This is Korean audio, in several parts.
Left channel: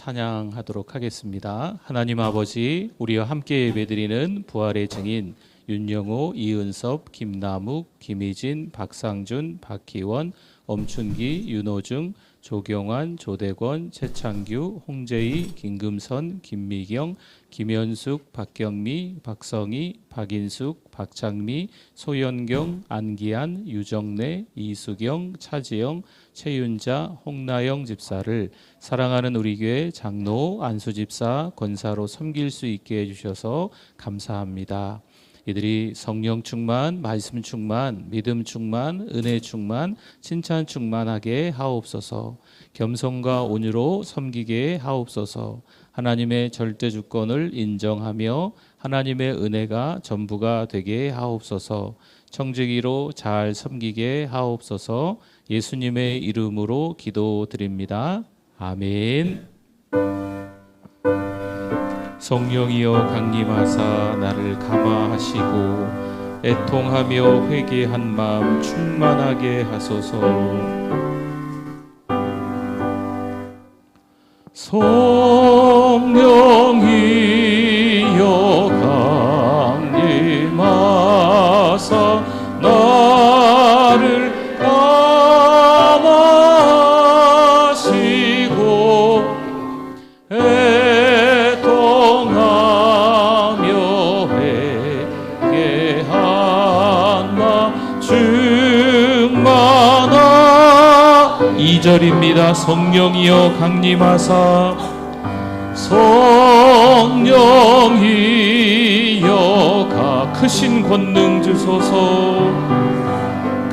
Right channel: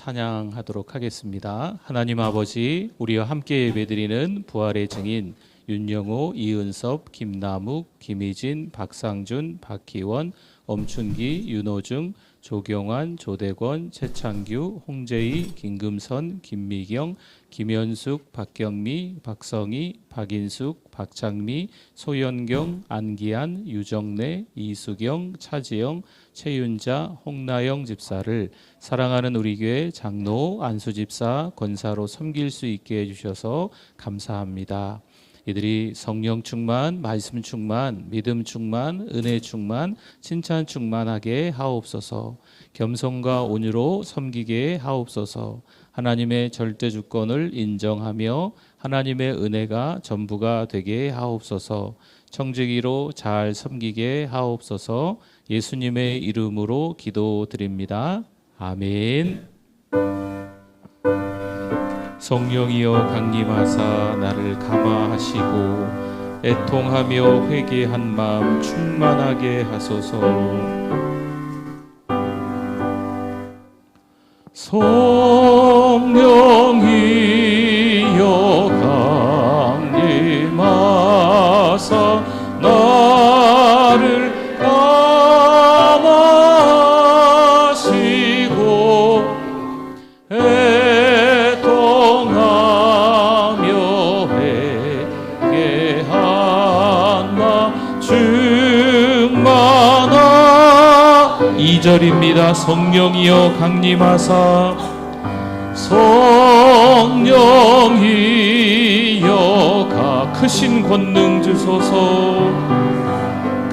찬양하도록 하겠습니다. 하나님 아버지, 우리와 함께 예배드리는 부활의 증인 윤영호, 이은섭, 김남욱, 김희진, 박상준, 박희원, 엄춘기, 윤호중, 조경환, 조대권, 최창규, 홍재희, 김금선, 김미경, 김현숙, 박경미, 박성희, 박인숙, 박창미, 소연경, 안기한, 유정래, 이수경, 차지영, 최윤자, 홍나영 집사를 사랑하는 우리 교회 장로, 안수 집사, 권사로 섬길 수 있게 해주셔서 감사합니다. 이들이 성령 충만, 말씀 충만, 믿음 충만, 은혜 충만, 칭찬 충만하게 하옵소서. 겸손과 온유로 섬기게 하옵소서. 하나님의 절대 주권을 인정하며 하나님의 은혜가 전부가 되게 하옵소서. 청지기로 잘 섬기게 하옵소서. 예수님의 이름으로 기도드립니다. 아멘. 성령이여 강림하사 나를 감화하시고 애통하며 회개한 마음 충만하게 하소서. 성령이여 강림하사 나를 감화하시고 애통하며 회개한 마음 충만하. 2절입니다. 성령이여 강림하사 성령이여 크신 권능 주소서.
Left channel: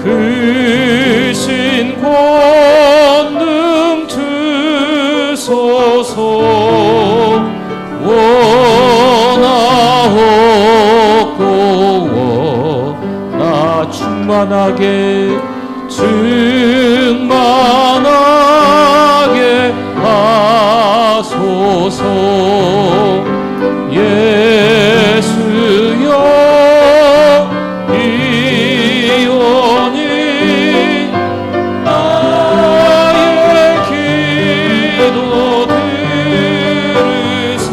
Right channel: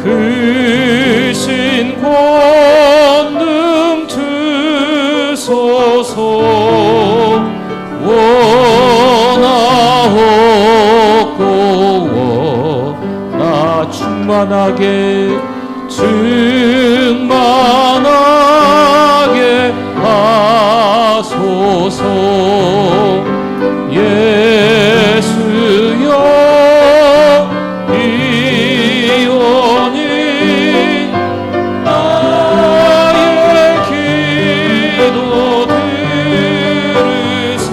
크신 권능 주소서. 원하옵고 원하 충만하게 충만하게 하소서. 예수여 이온이 나의 기도 들으사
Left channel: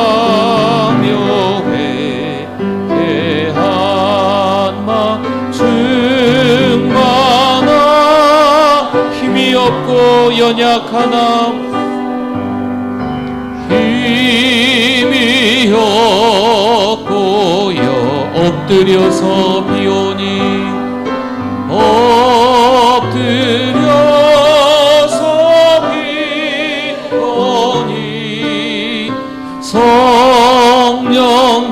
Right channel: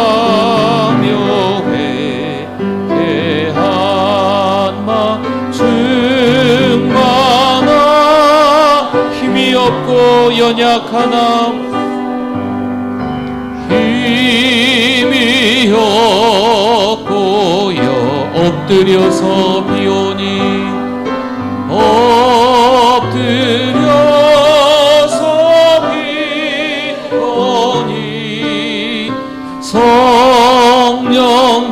애통하며 회개한 마음 충만하. 힘이 없고 연약하나 힘이 없고요 엎드려서 비오니 엎드려서 비오니 성령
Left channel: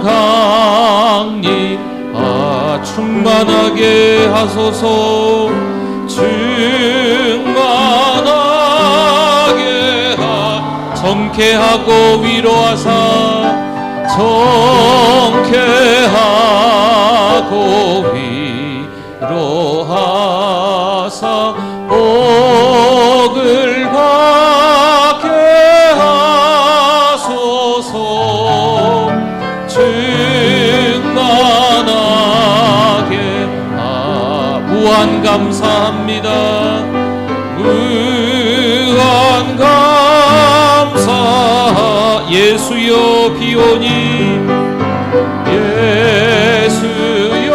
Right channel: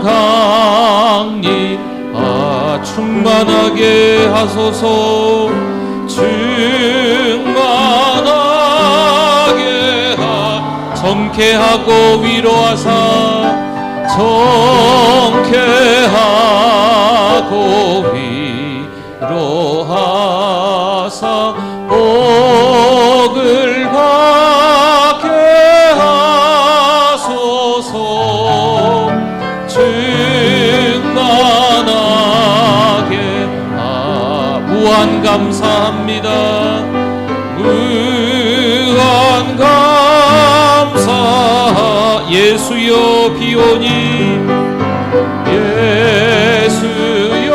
강림 충만하게 하소서. 충만하게 정케하고 위로하사 정케하고 위로하사 복을 받게 하소서. 충만하게 무한 감사합니다. 무한 감사. 예수여 비오니 예수여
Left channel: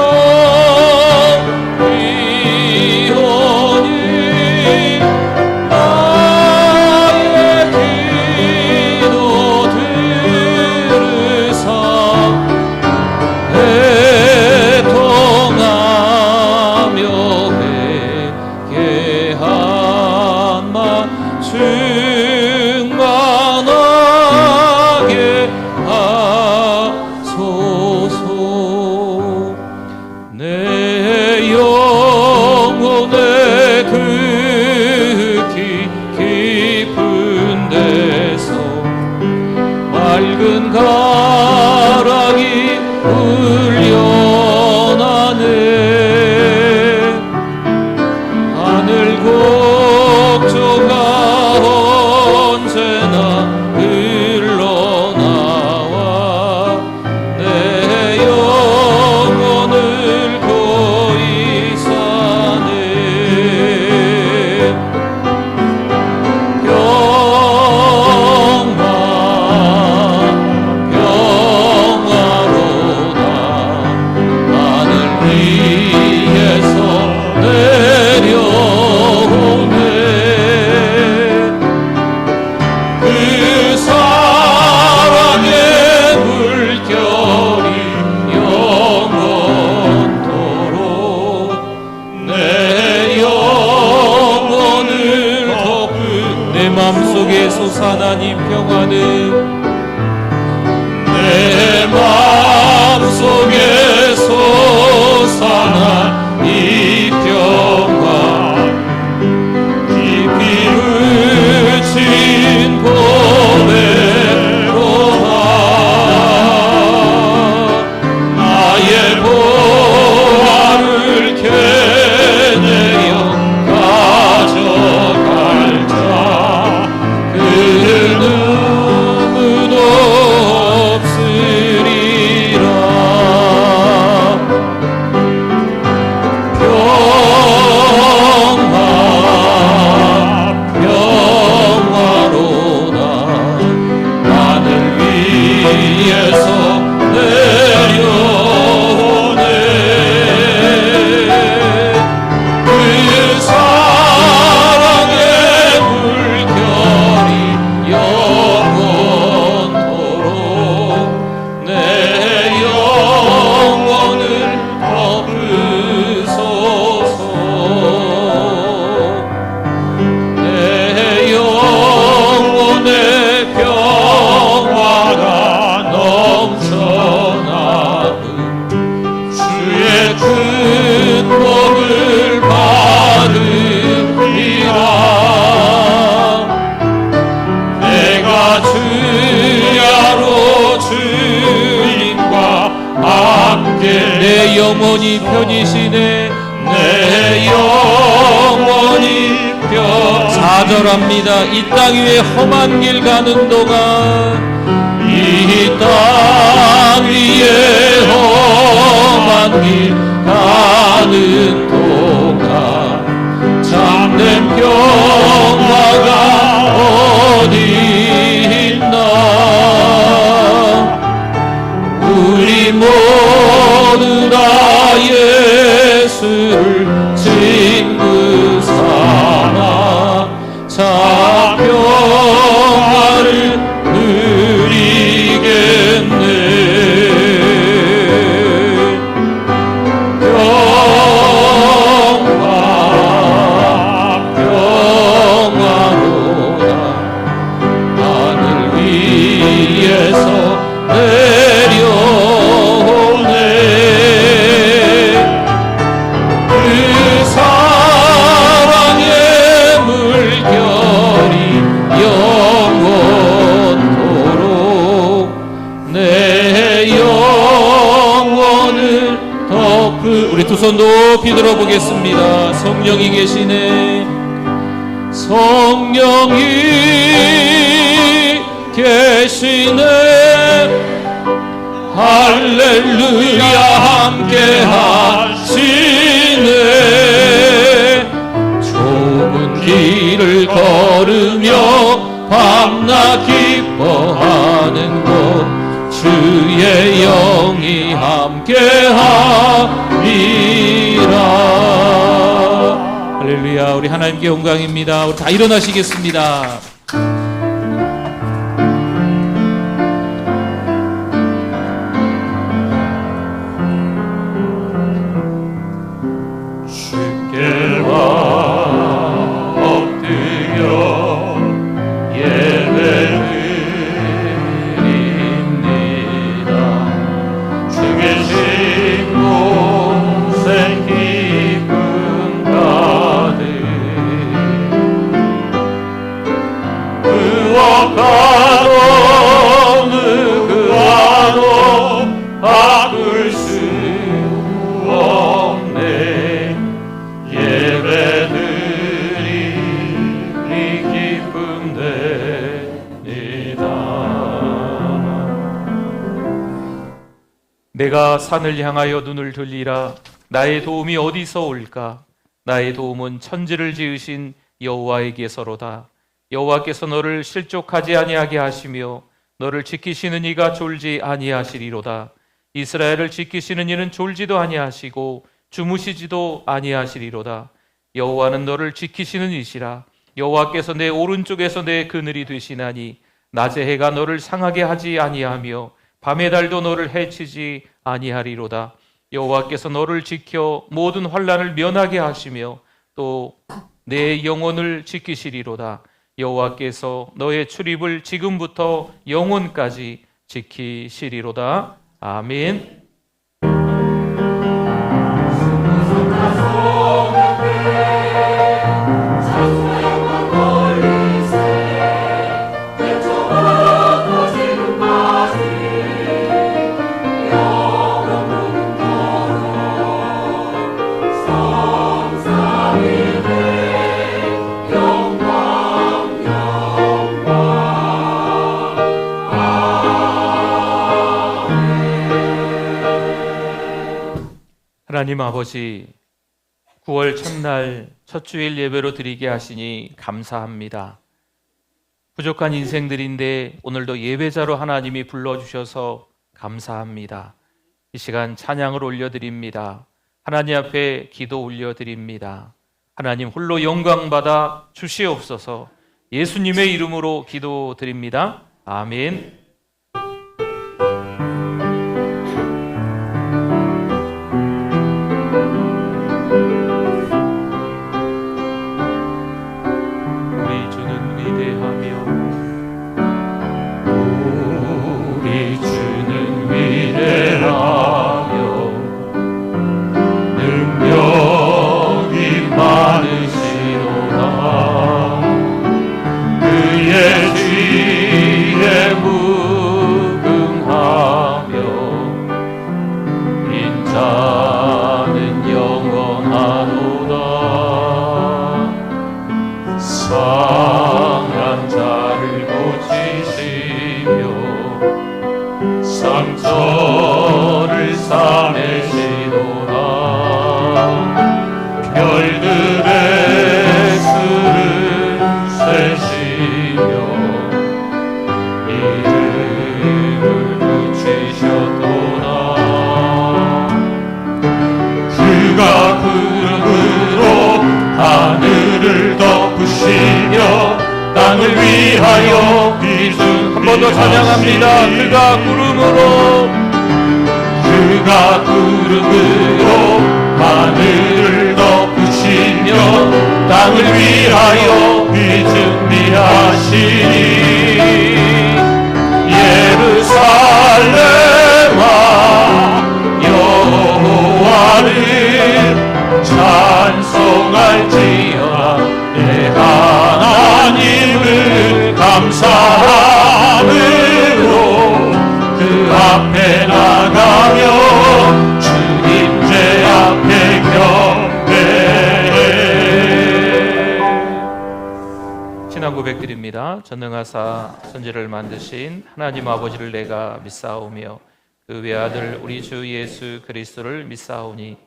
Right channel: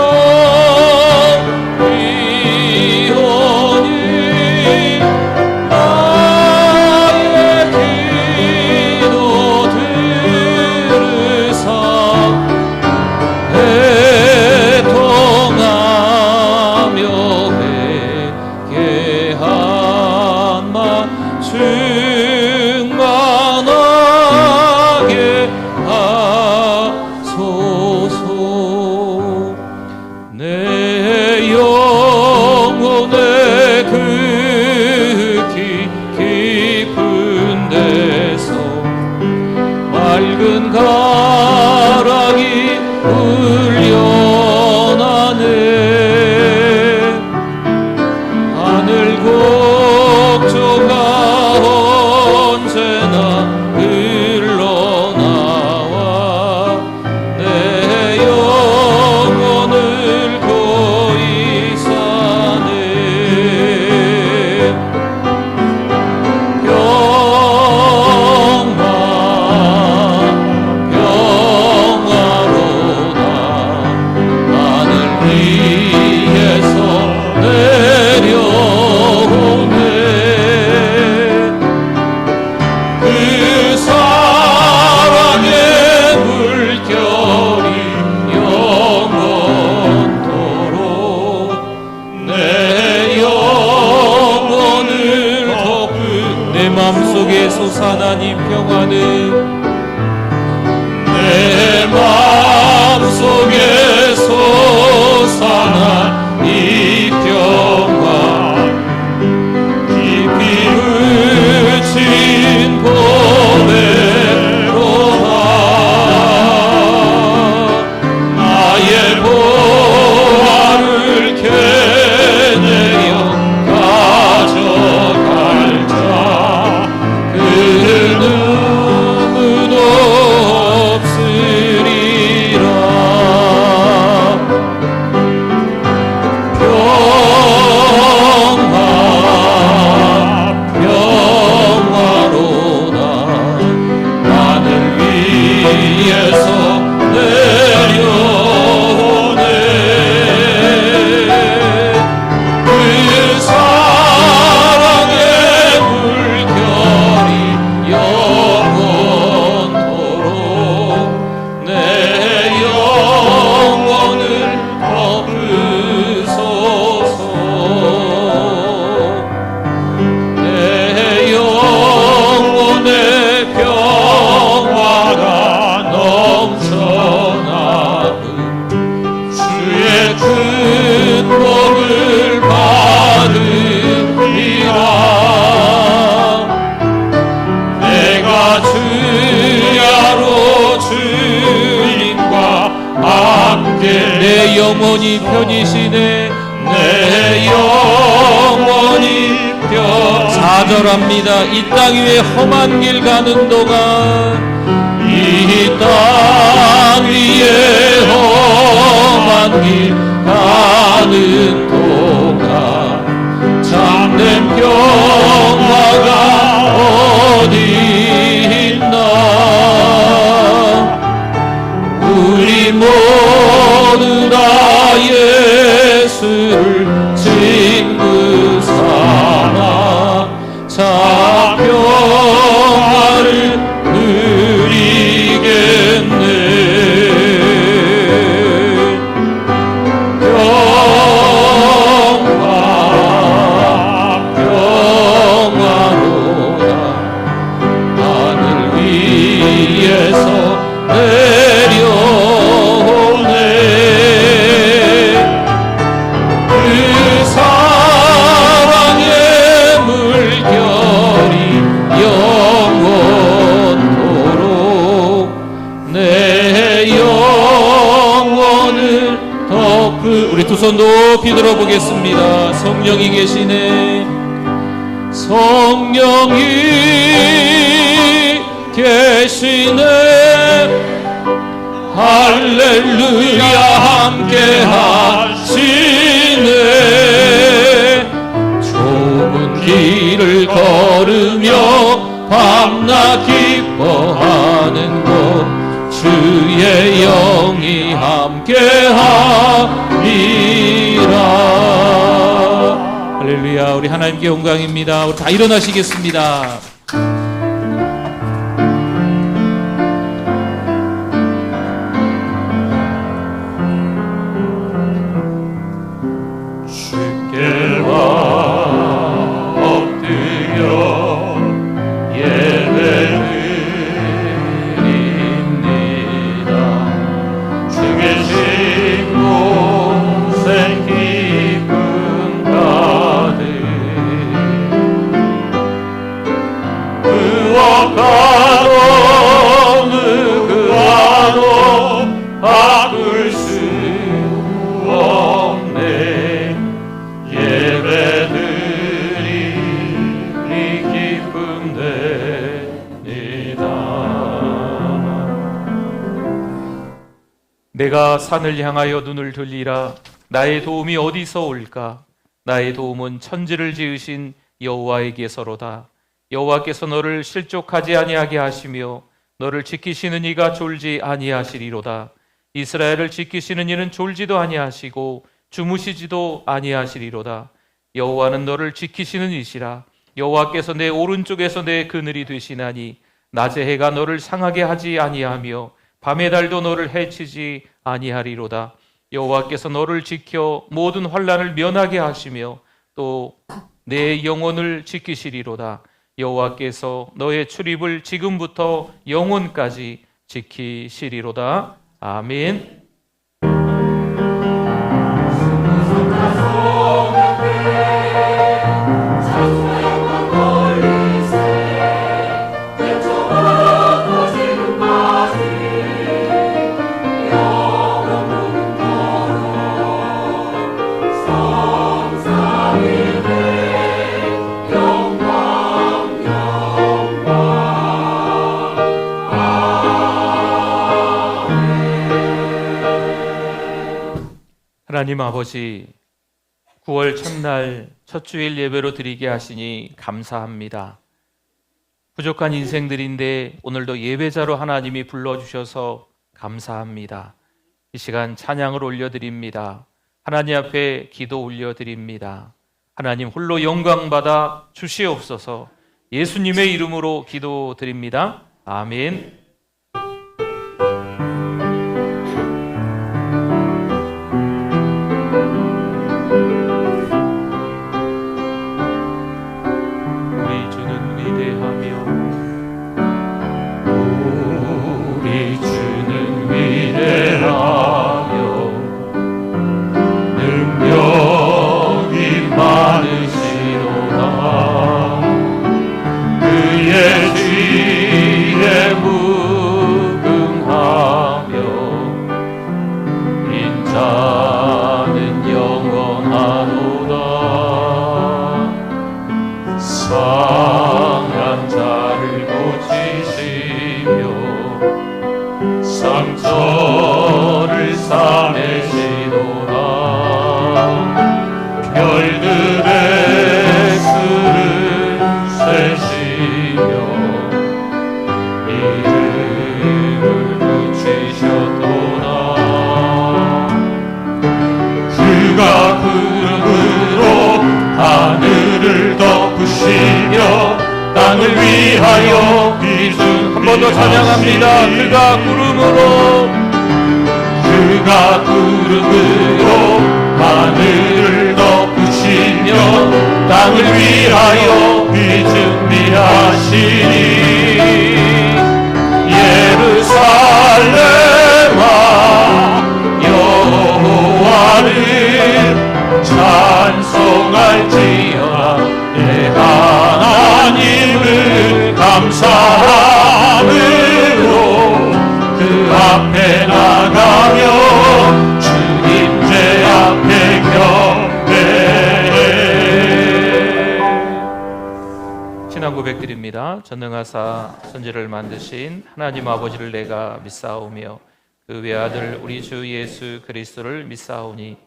위에서 내려오네. 그 사랑의 물결이 영원토록 내 영혼을 덮은 내 맘속에 솟아나는 평화는 내 맘속에 솟아난 이 평화 깊이 흐친 보배로다 나의 보화를 캐내어 가져갈 자 그 누구도 없으리라. 평화로다 하늘 위에서 내려오네. 그 사랑의 물결이 영원토록 내 영혼을 덮으소서. 내 영혼의 평화가 넘쳐나는 주의 큰 복을 받으리라. 내가 주야로 주님과 함께 내 영혼이 편이시네. 내 영혼이 편 좌절합니다. 이 땅 위에 험한 길 가는 동안 이 땅 위에 험한 길 가는 동안 참된 평화가 어디 있나. 우리 모두 다 예수를 친구 삼아 자 평화를 누리겠네. 평화로다 하늘 위에서 내려오네. 그 사랑의 물결이 영원토록 내 영혼을 덮으. 우리 두 손 높이 들어보겠습니다. 성령이 계시네. 성령이 계시네. 할렐루야 함께 하시네. 좁은 길을 걸으며 밤낮 기뻐하는 곳 주의 영이 함께 하리라. 할렐루야. 우리 하나님께 영광입니다. 우리 다 일어나시겠습니다. 내가 산을 향하여 눈을 들리라. 나의 도움이 어디서 올까? 나의 도움은 천지를 지으신 여호와에게서로다. 여호와께서 너를 실족하지 아니하게 하시며 너를 지키시는 이가 졸지 아니하시리로다. 이스라엘을 지키시는 이는 졸지도 아니하시고 주무시지도 아니하시리로다. 여호와는 너를 지키시는 이시라. 여호와께서 내 오른쪽에서 내 그늘이 되시나니 낮의 해가 너를 상하게 하지 아니하며 밤의 달도 너를 해치지 아니하리로다. 여호와께서 너를 지켜 모든 환난을 면하게 하시며 또 내 영혼을 지키시리로다. 여호와께서 너의 출입을 지금부터 영원까지 지키시리로다. 아멘. 하나님 아버지, 9월 첫날 첫 주일 예배로 드리게 하시니 감사합니다. 부족한 인생들인데 오늘도 예배자로 하나님이 불러주셔서 감사합니다. 이 시간 찬양을 올려드립니다. 하나님 앞에 기도 올려드립니다. 하나님 홀로 영광받아 주시옵소서. 예수님의 이름으로 기도드립니다. 아멘. 상처를 싸매시도다. 별들의 수를 세시며 이름을 붙이셨도다. 그가 구름으로 하늘을 덮으시며 땅을 위하여 비준. 한 번 더 찬양합니다. 그가 구름으로 하늘을 덮으시며 땅을 위하여 비 준비하시니 예루살렘아 여호와를 찬송할지어다. 내 하나님을 감사함으로 그 앞에 나가며 주님 제 앞에 경배해. 신앙 고백드립니다. 전능하사 천지를 만드신 하나님 아버지를 내가 믿사오며 그 외아들 우리 주 예수 그리스도를 믿사오니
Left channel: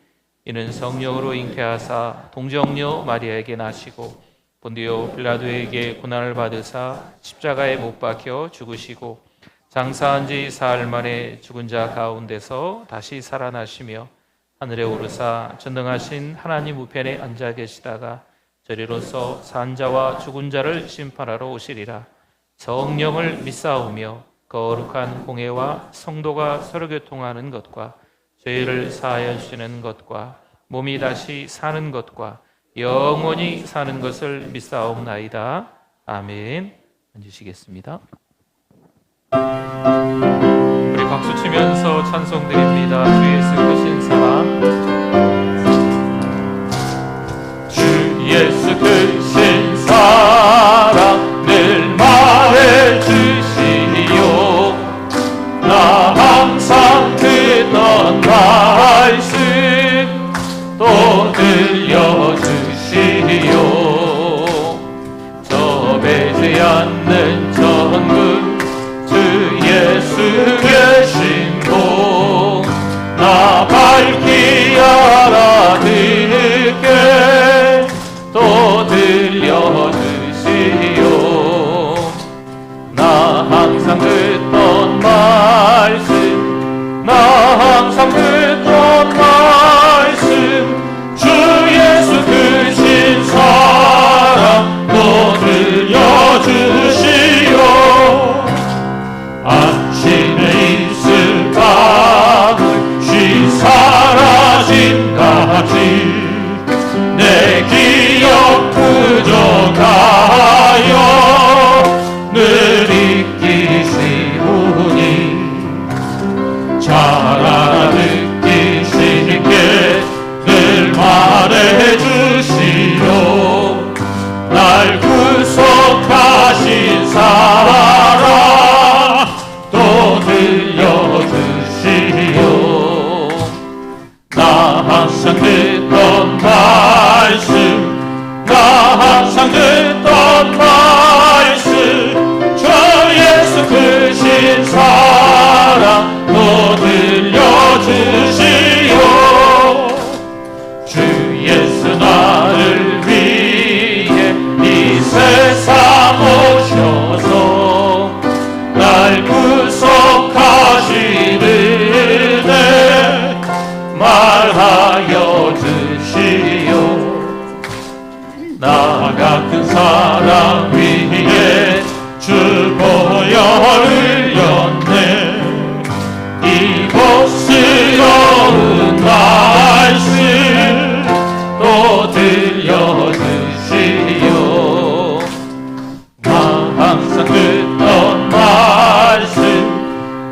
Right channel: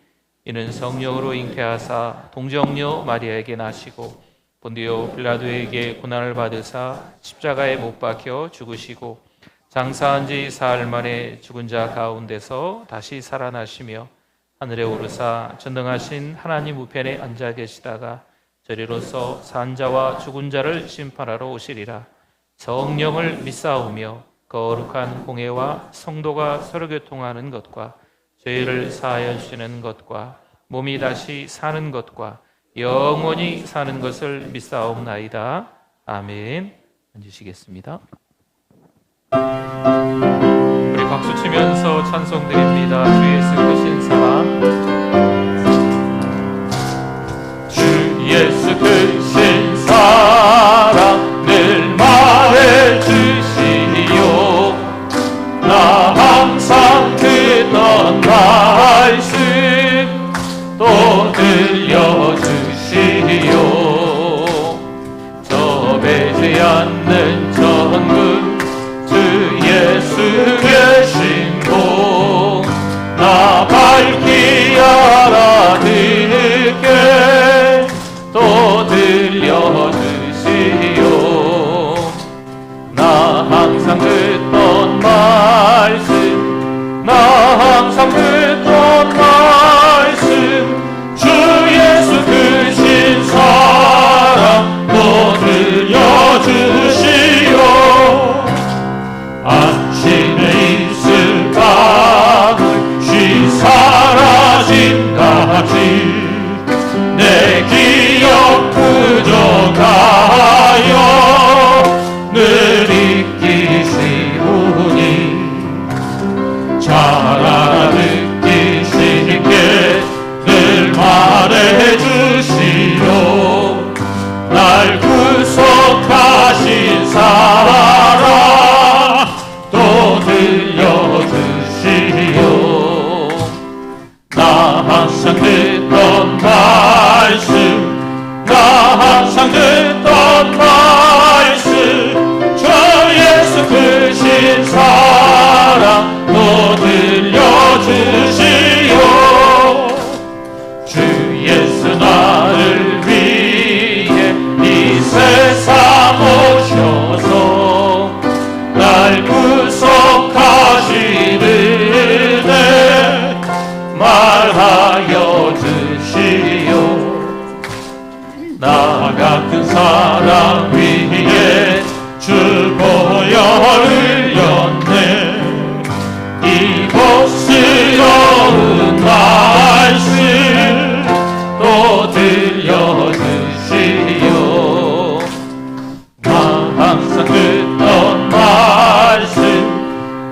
이는 성령으로 잉태하사 동정녀 마리아에게 나시고 본디오 빌라도에게 고난을 받으사 십자가에 못 박혀 죽으시고 장사한 지 사흘 만에 죽은 자 가운데서 다시 살아나시며 하늘에 오르사 전능하신 하나님 우편에 앉아 계시다가 저리로서 산 자와 죽은 자를 심판하러 오시리라. 성령을 믿사오며 거룩한 공회와 성도가 서로 교통하는 것과 죄를 사하여 주시는 것과 몸이 다시 사는 것과 영원히 사는 것을 믿사옵나이다. 아멘. 앉으시겠습니다. 우리 박수 치면서 찬송 드립니다. 주 예수 크신 사랑. 주 예수 크신 사랑 늘 말해주시오. 나 항상 듣던 말씀 또 들려주시오. 좁지 않는 천국 주 예수 계신 곳 나 밝히 듣던 말씀 나 항상 듣던 말씀 저 예수 크신 사랑 또 들려주시오 주 예수 나를 위해 이 세상 오셔서 날 구속하시는 말하여 주시오 나 같은 사람 위에 주 보혈 흘렸네 이곳스러운 말씀 또 들려주시오 나 항상 듣던 말씀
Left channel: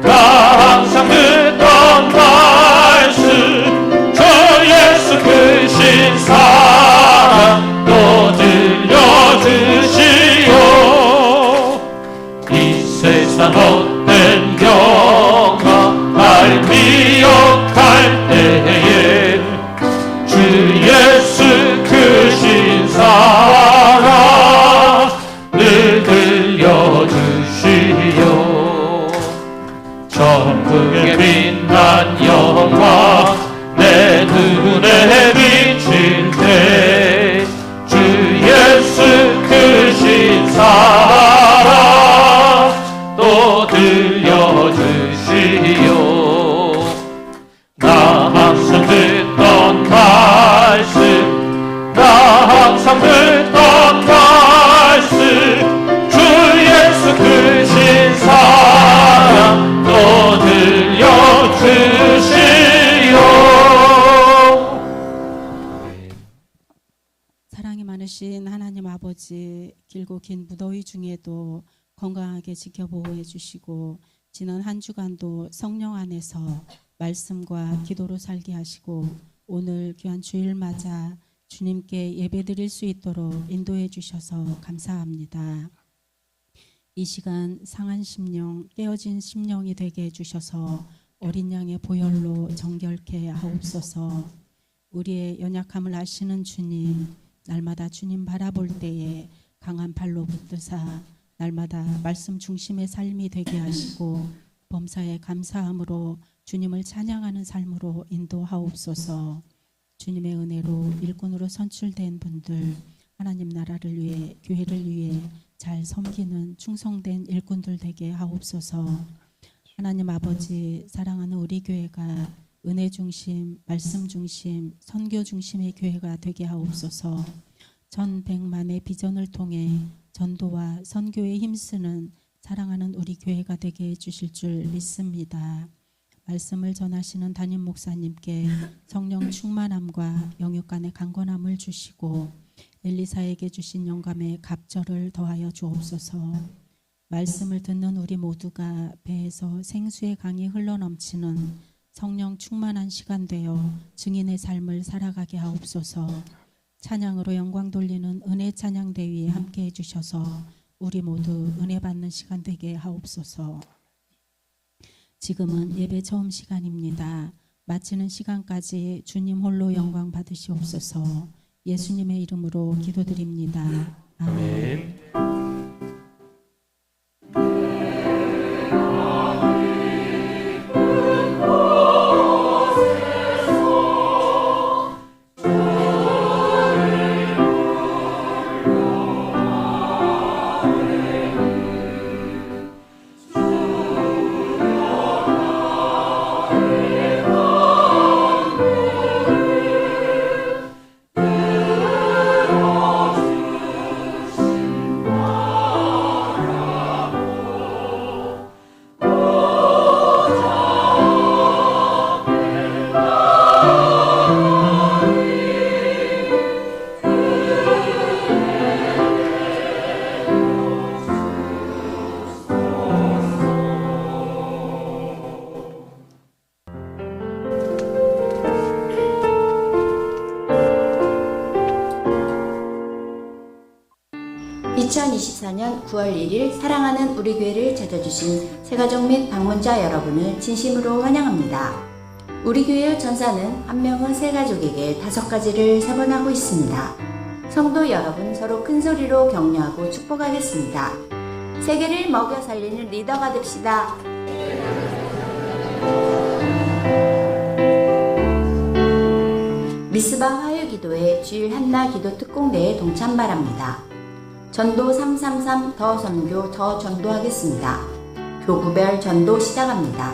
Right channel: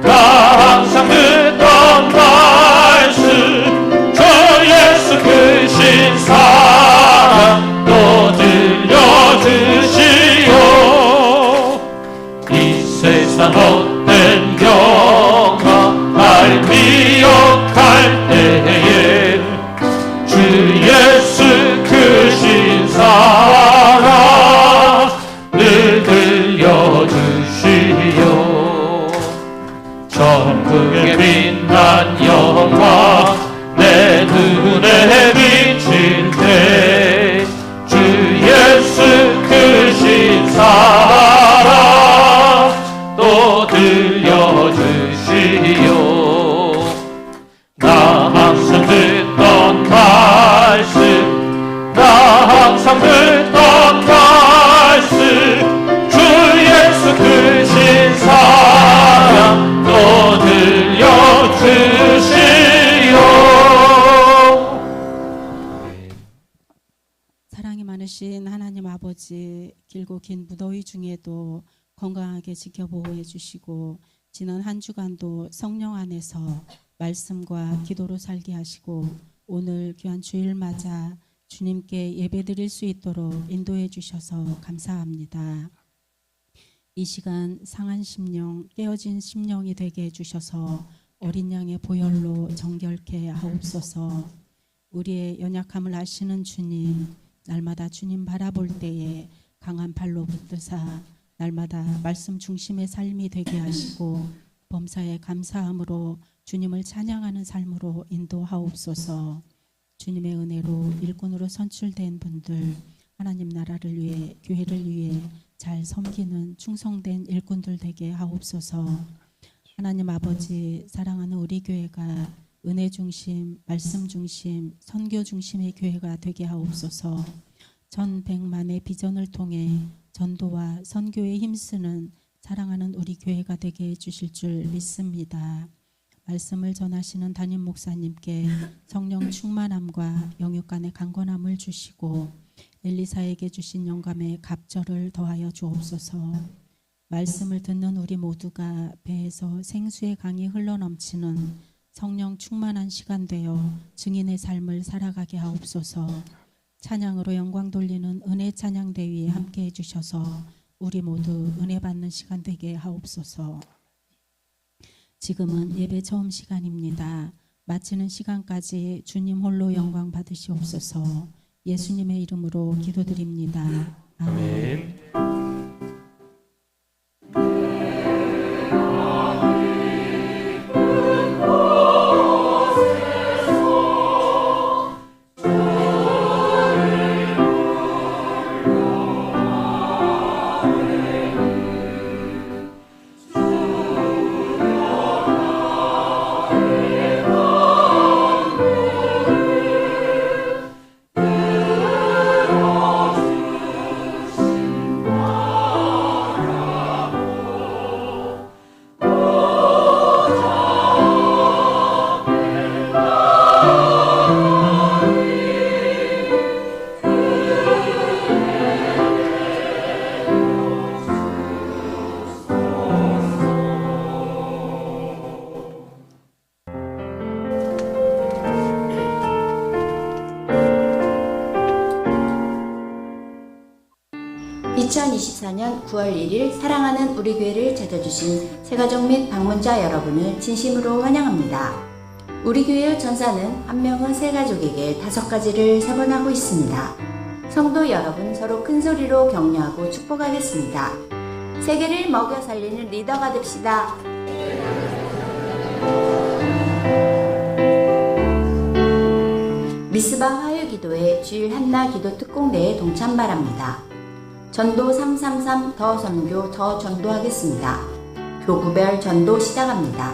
나 항상 듣던 말씀 저 예수 크신 사랑 또 들려주시오 이 세상 헛된 영광 날 미혹할 때에 주 예수 크신 사랑 늘 들려주시오 천국의 빛난 영광 내 눈에 비칠 때 주 예수 크신 사랑 또 들려주시오 나 항상 듣던 말씀 나 항상 듣던 말씀 주 예수 크신 사랑 또 들려주시오 사랑이 많으신 하나님 아버지, 길고 긴 무더위 중에도 건강하게 지켜보호해 주시고 지난 한 주간도 성령 안에서 말씀과 기도로 살게 하시고 오늘 귀한 주일 맞아 주님께 예배드릴 수 있도록 인도해 주셔서 감사합니다. 이 시간 상한 심령, 깨어진 심령이 되게 해주셔서 어린 양의 보혈로 정결케 하옵소서. 우리의 연약함을 아시는 주님, 날마다 주님 바라볼 때에 강한 팔로 붙드사 날마다 말씀 중심의 삶이 되게 하시고 범사에 감사함으로 주님을 찬양하는 삶으로 인도하옵소서. 주님의 은혜로 일꾼으로 선출된 분들, 하나님 나라를 위해 교회를 위해 잘 섬기는 충성된 일꾼들 되게 하옵소서. 하나님 아버지, 사랑하는 우리 교회가 은혜 중심, 말씀 중심, 선교 중심의 교회가 되게 하옵소서. 전 백만의 비전을 통해 전도와 선교에 힘쓰는 사랑하는 우리 교회가 되게 해주실 줄 믿습니다. 말씀을 전하시는 담임 목사님께 성령 충만함과 영육간의 강건함을 주시고 엘리사에게 주신 영감의 갑절을 더하여 주옵소서. 말씀을 듣는 우리 모두가 배에서 생수의 강이 흘러넘치는 성령 충만한 시간 되어 증인의 삶을 살아가게 하옵소서. 찬양으로 영광 돌리는 은혜 찬양대위에 함께 해주셔서 우리 모두 은혜 받는 시간 되게 하옵소서. 지금은 예배 처음 시간입니다. 마치는 시간까지 주님 홀로 영광 받으시옵소서. 예수님의 이름으로 기도드립니다. 아멘. (2024년 9월 1일) 사랑하는 우리 교회를 찾아주신 새가족 및 방문자 여러분을 진심으로 환영합니다. 우리 교회의 전사는 한 명은 세 가족에게 5가지를 세번하고 있습니다. 성도 여러분, 서로 큰 소리로 격려하고 축복하겠습니다. 세계를 먹여 살리는 리더가 됩시다. 미스바 화요기도회 주일 한나 기도 특공대에 동참 바랍니다. 전도 333 더 선교 더 전도하겠습니다. 교구별 전도 시작합니다.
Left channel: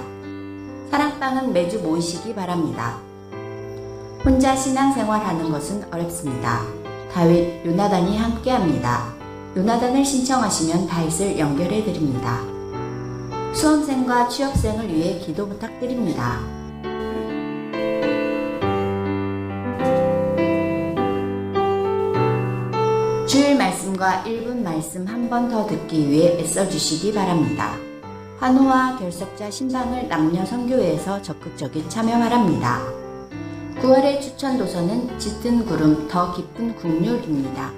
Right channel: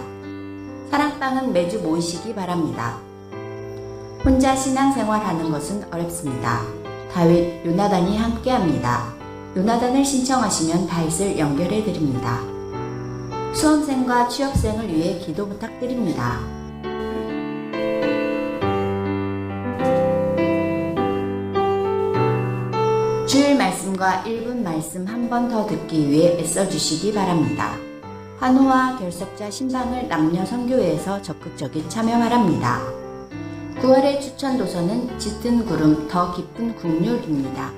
사랑방은 매주 모이시기 바랍니다. 혼자 신앙생활하는 것은 어렵습니다. 다윗, 요나단이 함께합니다. 요나단을 신청하시면 다윗을 연결해드립니다. 수험생과 취업생을 위해 기도 부탁드립니다. 주일 말씀과 1분 말씀 한 번 더 듣기 위해 애써주시기 바랍니다. 환호와 결석자 신방을 남녀 선교회에서 적극적인 참여 바랍니다. 9월의 추천 도서는 짙은 구름 더 깊은 국률입니다.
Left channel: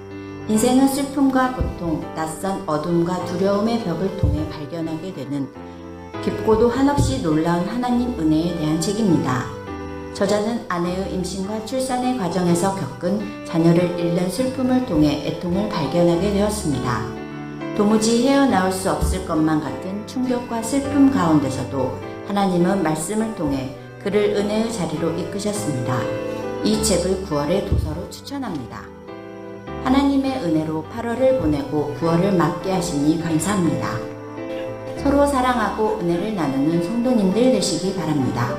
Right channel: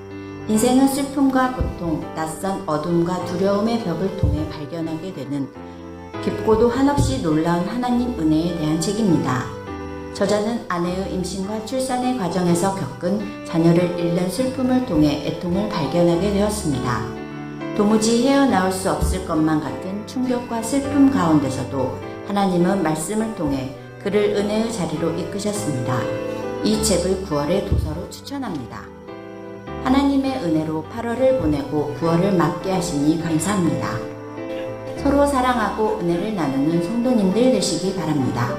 인생은 슬픔과 고통, 낯선 어둠과 두려움의 벽을 통해 발견하게 되는 깊고도 한없이 놀라운 하나님 은혜에 대한 책입니다. 저자는 아내의 임신과 출산의 과정에서 겪은 자녀를 잃는 슬픔을 통해 애통을 발견하게 되었습니다. 도무지 헤어나올 수 없을 것만 같은 충격과 슬픔 가운데서도 하나님은 말씀을 통해 그를 은혜의 자리로 이끄셨습니다. 이 책을 9월의 도서로 추천합니다. 하나님의 은혜로 8월을 보내고 9월을 맞게 하시니 감사합니다. 서로 사랑하고 은혜를 나누는 성도님들 되시기 바랍니다.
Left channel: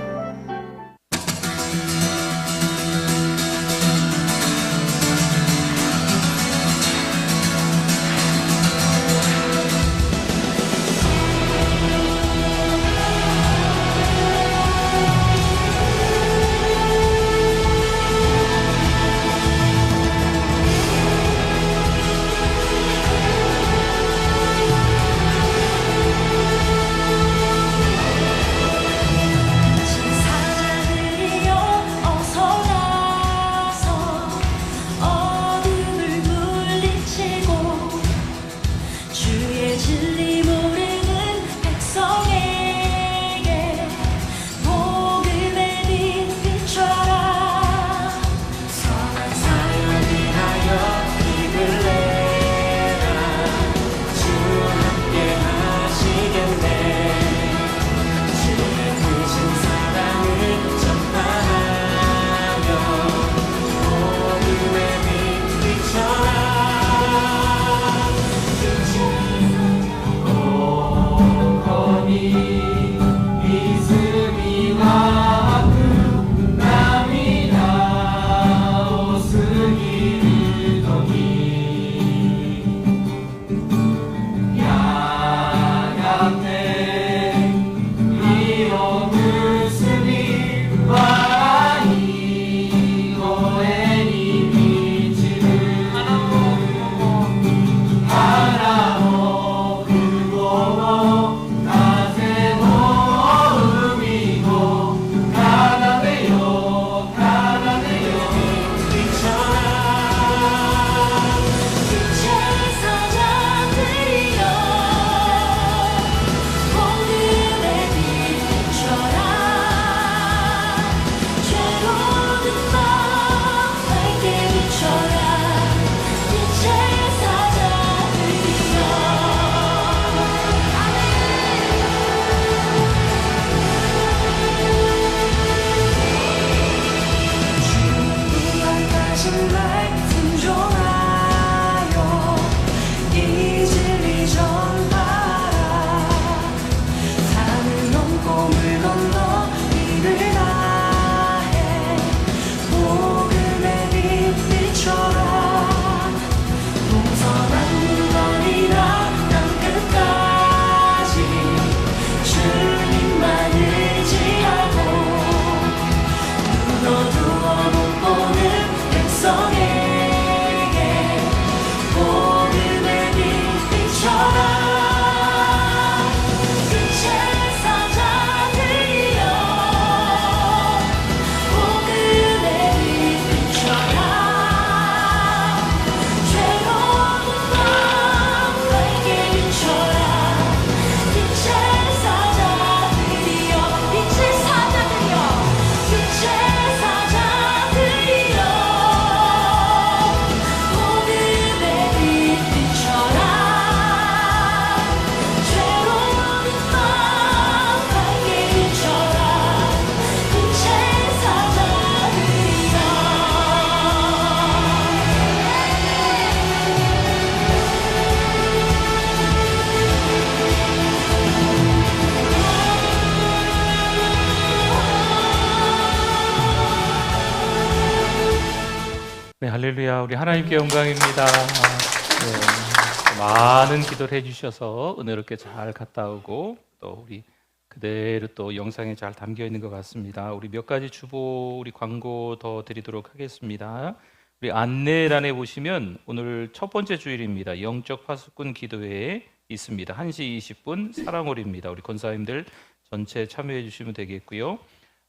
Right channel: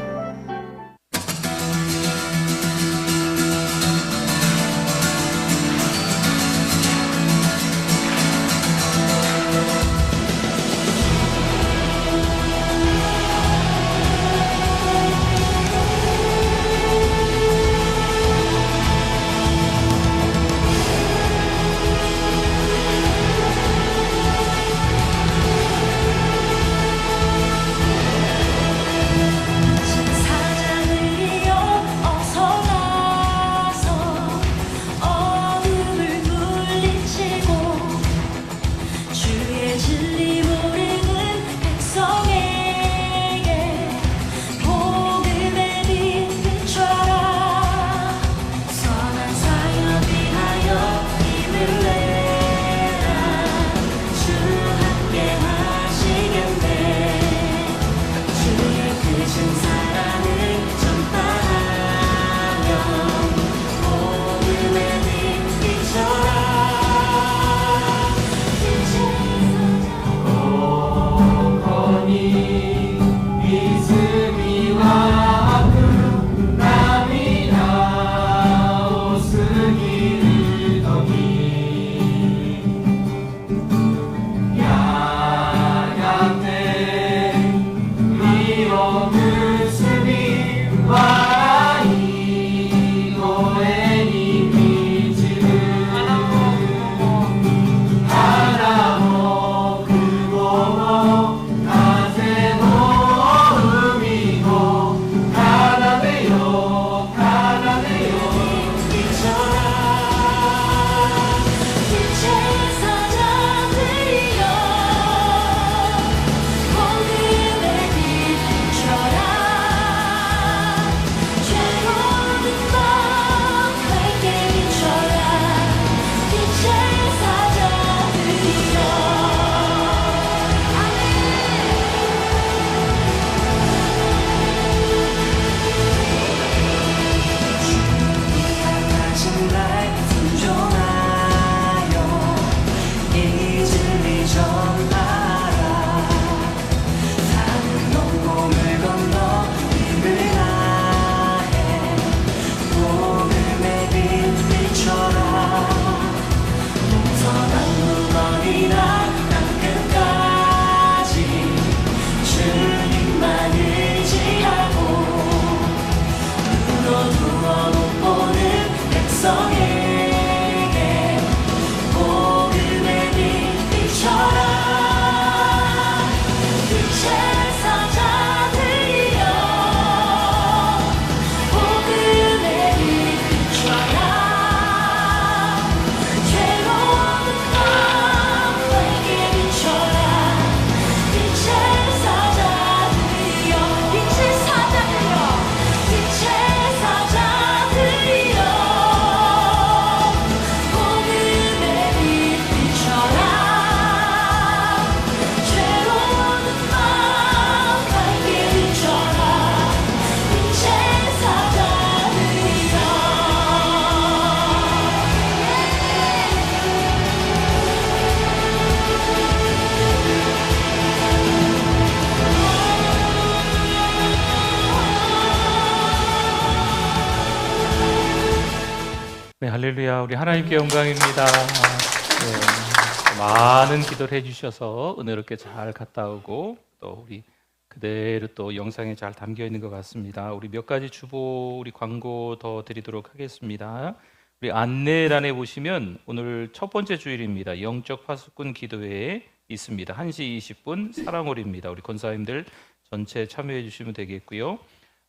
네, 할렐루야. 우리 하나님께 영광입니다. 네, 많은 기도를 해주셔서 은혜롭게 잘 갔다 오고 또 우리 그대로 또 영상에 잘 담겨 있는 것 같습니다. 우리 몇 가지 주보 우리 광고 더 드리도록 하겠습니다. 우리 안내란에 보시면 오늘 첫 번째 주일입니다. 영적 파수꾼 기도회에 있습니다. 1시 20분 사랑홀입니다. 우리 권사님들 전체 참여해 주시면 되겠고요.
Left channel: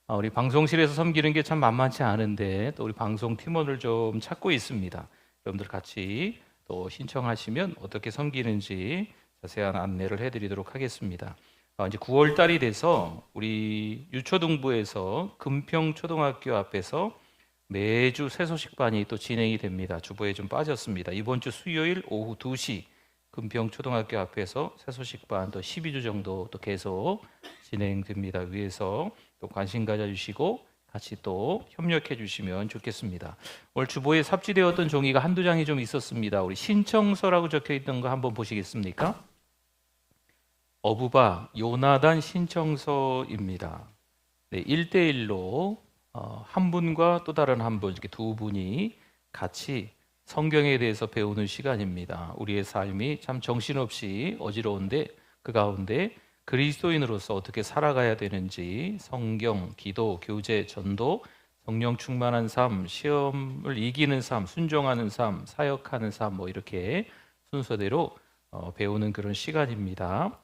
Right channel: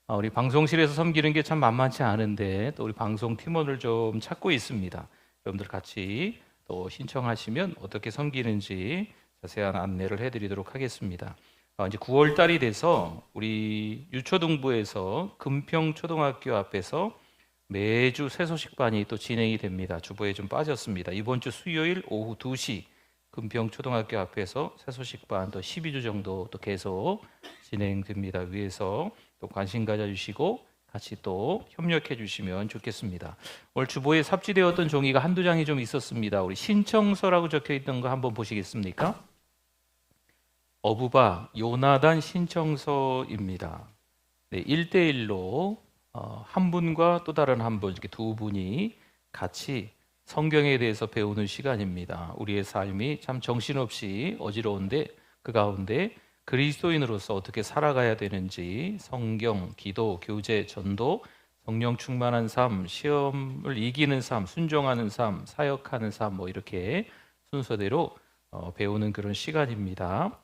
우리 방송실에서 섬기는 게 참 만만치 않은데 또 우리 방송 팀원을 좀 찾고 있습니다. 여러분들 같이 또 신청하시면 어떻게 섬기는지 자세한 안내를 해드리도록 하겠습니다. 이제 9월 달이 돼서 우리 유초등부에서 금평초등학교 앞에서 매주 새소식반이 또 진행이 됩니다. 주보에 좀 빠졌습니다. 이번 주 수요일 오후 2시 금평초등학교 앞에서 새소식반 또 12주 정도 또 계속 진행됩니다. 위에서 또 관심 가져주시고 같이 또 협력해 주시면 좋겠습니다. 오늘 주보에 삽지되었던 종이가 한두 장이 좀 있었습니다. 우리 신청서라고 적혀 있던 거 한번 보시겠습니까? 어부바 요나단 신청서입니다. 네, 1대1로 한 분과 또 다른 한 분, 이렇게 두 분이 같이 성경에 대해서 배우는 시간입니다. 우리의 삶이 참 정신없이 어지러운데 그 가운데 그리스도인으로서 어떻게 살아가야 되는지 성경, 기도, 교제, 전도, 성령 충만한 삶, 시험을 이기는 삶, 순종하는 삶, 사역하는 삶 뭐 이렇게 순서대로 배우는 그런 시간입니다.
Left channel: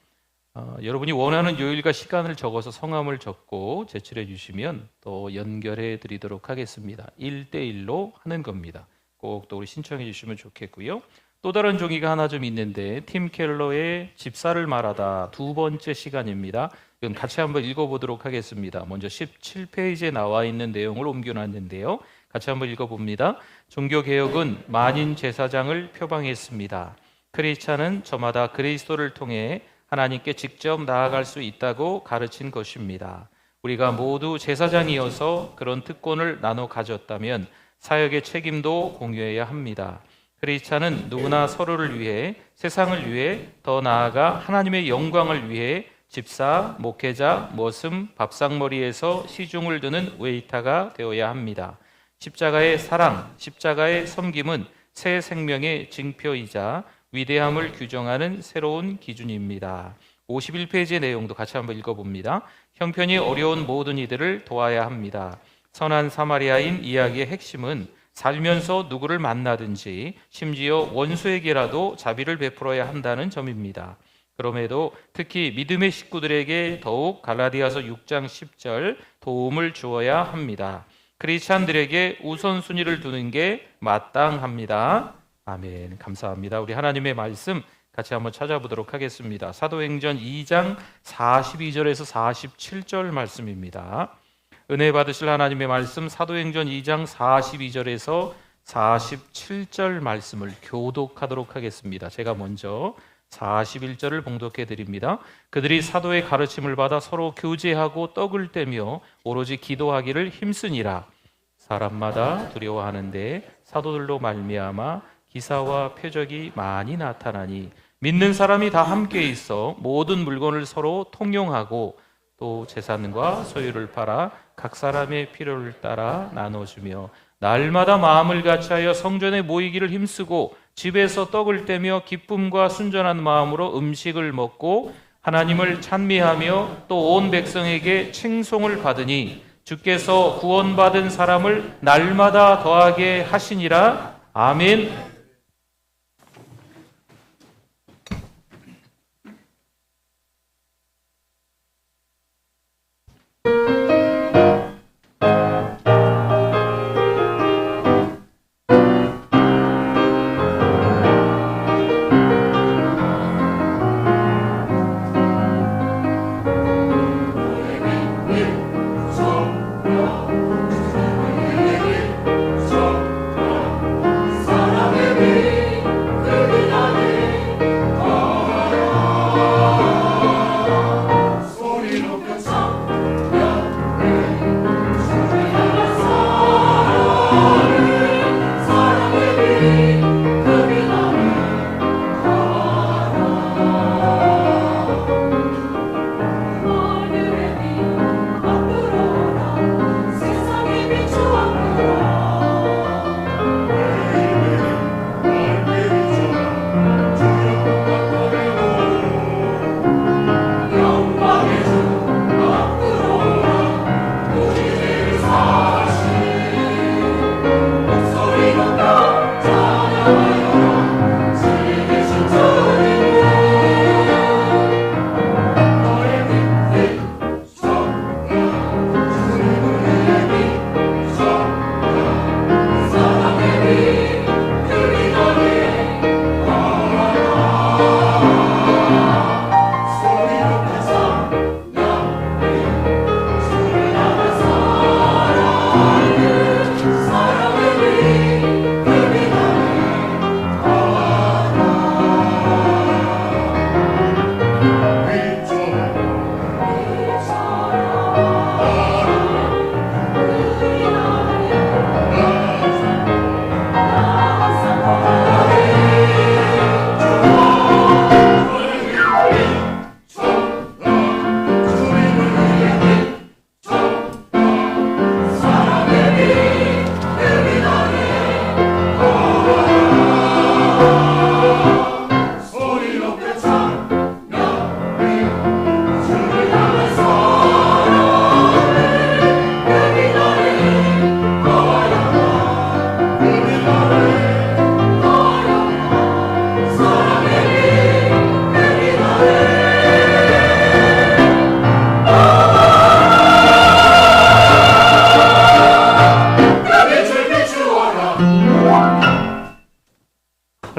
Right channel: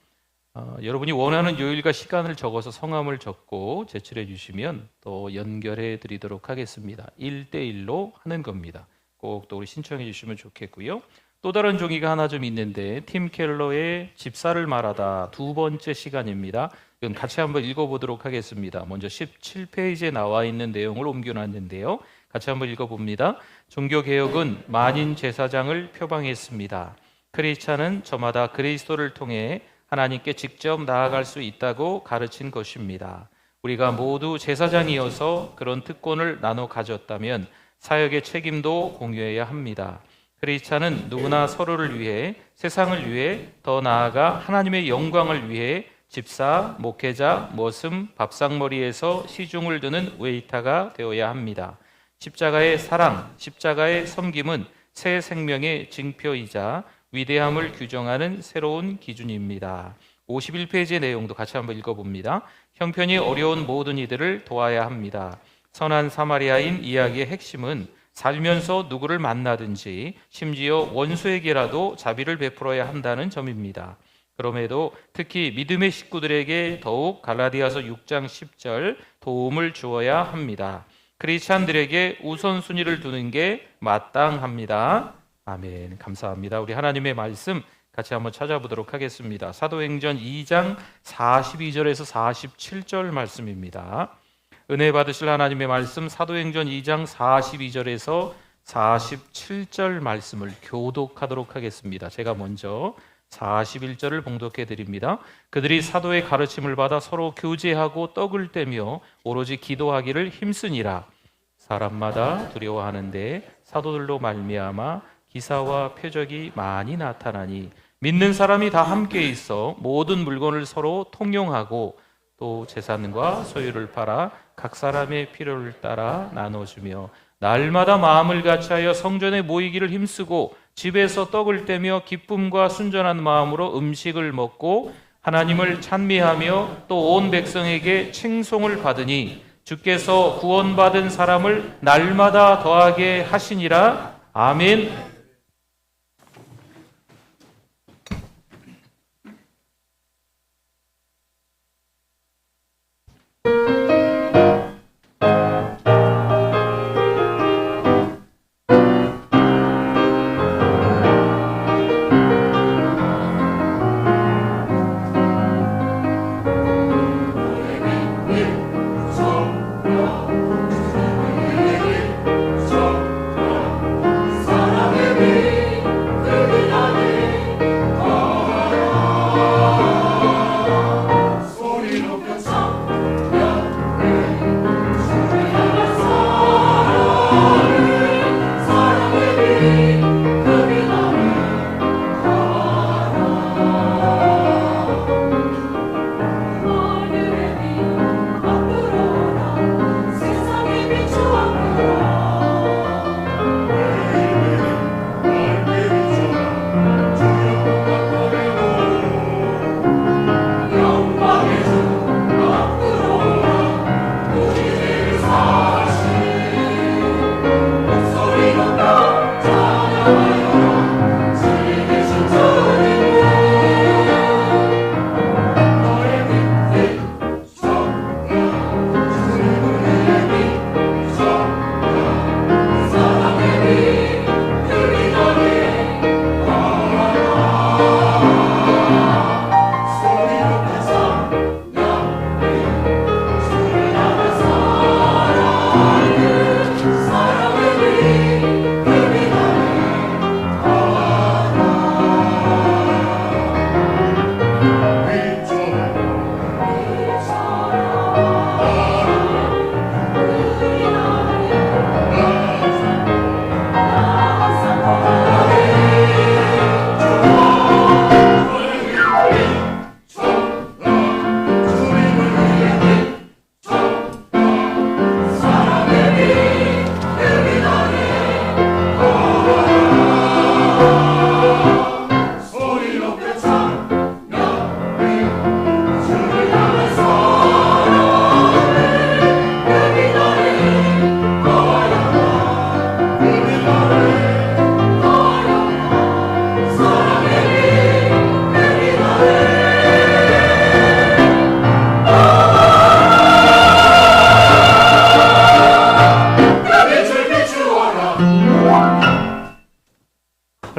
여러분이 원하는 요일과 시간을 적어서 성함을 적고 제출해 주시면 또 연결해 드리도록 하겠습니다. 1대1로 하는 겁니다. 꼭 또 우리 신청해 주시면 좋겠고요. 또 다른 종이가 하나 좀 있는데 팀 켈러의 집사를 말하다 두 번째 시간입니다. 이건 같이 한번 읽어보도록 하겠습니다. 먼저 17페이지에 나와 있는 내용을 옮겨놨는데요. 같이 한번 읽어봅니다. 종교개혁은 만인 제사장을 표방했습니다. 크리스찬은 저마다 그리스도를 통해 하나님께 직접 나아갈 수 있다고 가르친 것입니다. 우리가 모두 제사장이어서 그런 특권을 나눠 가졌다면 사역의 책임도 공유해야 합니다. 크리스찬은 누구나 서로를 위해, 세상을 위해, 더 나아가 하나님의 영광을 위해 집사, 목회자, 머슴, 밥상머리에서 시중을 드는 웨이터가 되어야 합니다. 십자가의 사랑, 십자가의 섬김은 새 생명의 징표이자 위대함을 규정하는 새로운 기준입니다. 51페이지의 내용도 같이 한번 읽어봅니다. 형편이 어려운 모든 이들을 도와야 합니다. 선한 사마리아인 이야기의 핵심은 살면서 누구를 만나든지 심지어 원수에게라도 자비를 베풀어야 한다는 점입니다. 그럼에도 특히 믿음의 식구들에게 더욱 갈라디아서 6장 10절 도움을 주어야 합니다. 크리스찬들에게 우선순위를 두는 게 마땅합니다. 아멘. 감사합니다. 우리 하나님의 말씀 같이 한번 찾아보도록 하겠습니다. 사도행전 2장 42절에서 47절 말씀입니다. 은혜 받으실 하나님의 말씀 사도행전 2장 42절에서 47절 말씀을 교독하도록 하겠습니다. 제가 먼저 41절을 봉독해 드립니다. 그들이 사도의 가르침을 받아 서로 교제하고 떡을 떼며 오로지 기도하기를 힘쓰니라. 사람마다 두려워하는데 사도들로 말미암아 기사와 표적이 많이 나타나니 믿는 사람이 다 함께 있어 모든 물건을 서로 통용하고 또 재산과 소유를 팔아 각 사람의 필요를 따라 나눠주며 날마다 마음을 같이하여 성전에 모이기를 힘쓰고 집에서 떡을 떼며 기쁨과 순전한 마음으로 음식을 먹고 하나님을 찬미하며 또 온 백성에게 칭송을 받으니 주께서 구원받은 사람을 날마다 더하게 하시니라. 아멘.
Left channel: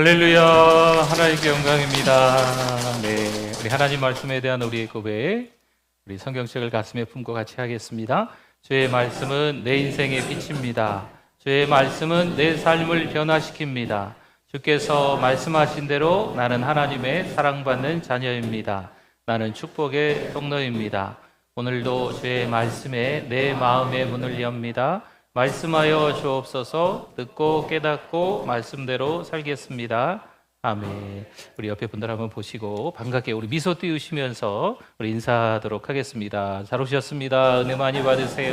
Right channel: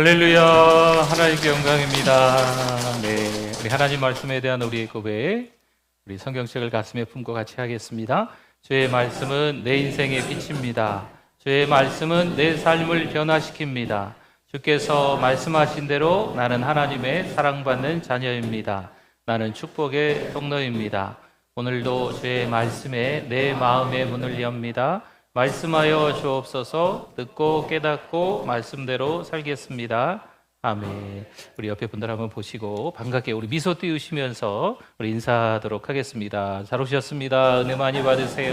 할렐루야, 하나님께 영광입니다. 네, 우리 하나님 말씀에 대한 우리의 고백, 우리 성경책을 가슴에 품고 같이 하겠습니다. 주의 말씀은 내 인생의 빛입니다. 주의 말씀은 내 삶을 변화시킵니다. 주께서 말씀하신 대로 나는 하나님의 사랑받는 자녀입니다. 나는 축복의 통로입니다. 오늘도 주의 말씀에 내 마음의 문을 엽니다. 말씀하여 주옵소서. 듣고 깨닫고 말씀대로 살겠습니다. 아멘. 우리 옆에 분들 한번 보시고 반갑게 우리 미소 띄우시면서 우리 인사하도록 하겠습니다. 잘 오셨습니다. 은혜 많이 받으세요.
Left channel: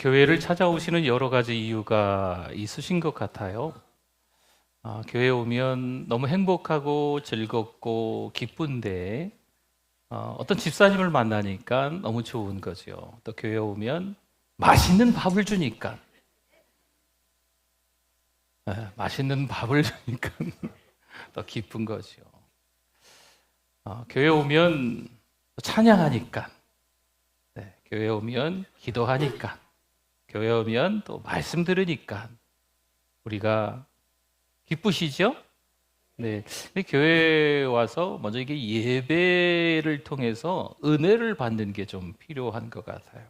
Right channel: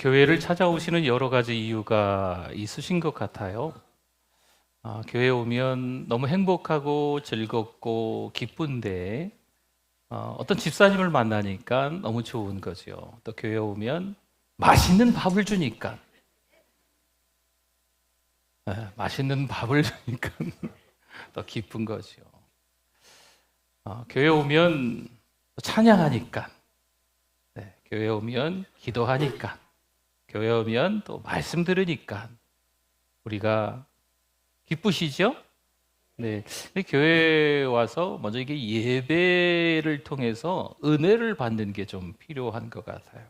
교회를 찾아오시는 여러 가지 이유가 있으신 것 같아요. 교회에 오면 너무 행복하고 즐겁고 기쁜데 어떤 집사님을 만나니까 너무 좋은 거죠. 또 교회에 오면 맛있는 밥을 주니까 맛있는 밥을 주니까 더 기쁜 거죠. 교회에 오면 찬양하니까, 교회에 오면 기도하니까, 교회에 오면 또 말씀 들으니까 우리가 기쁘시죠? 네, 교회에 와서 먼저 이게 예배를 통해서 은혜를 받는 게 좀 필요한 것 같아요.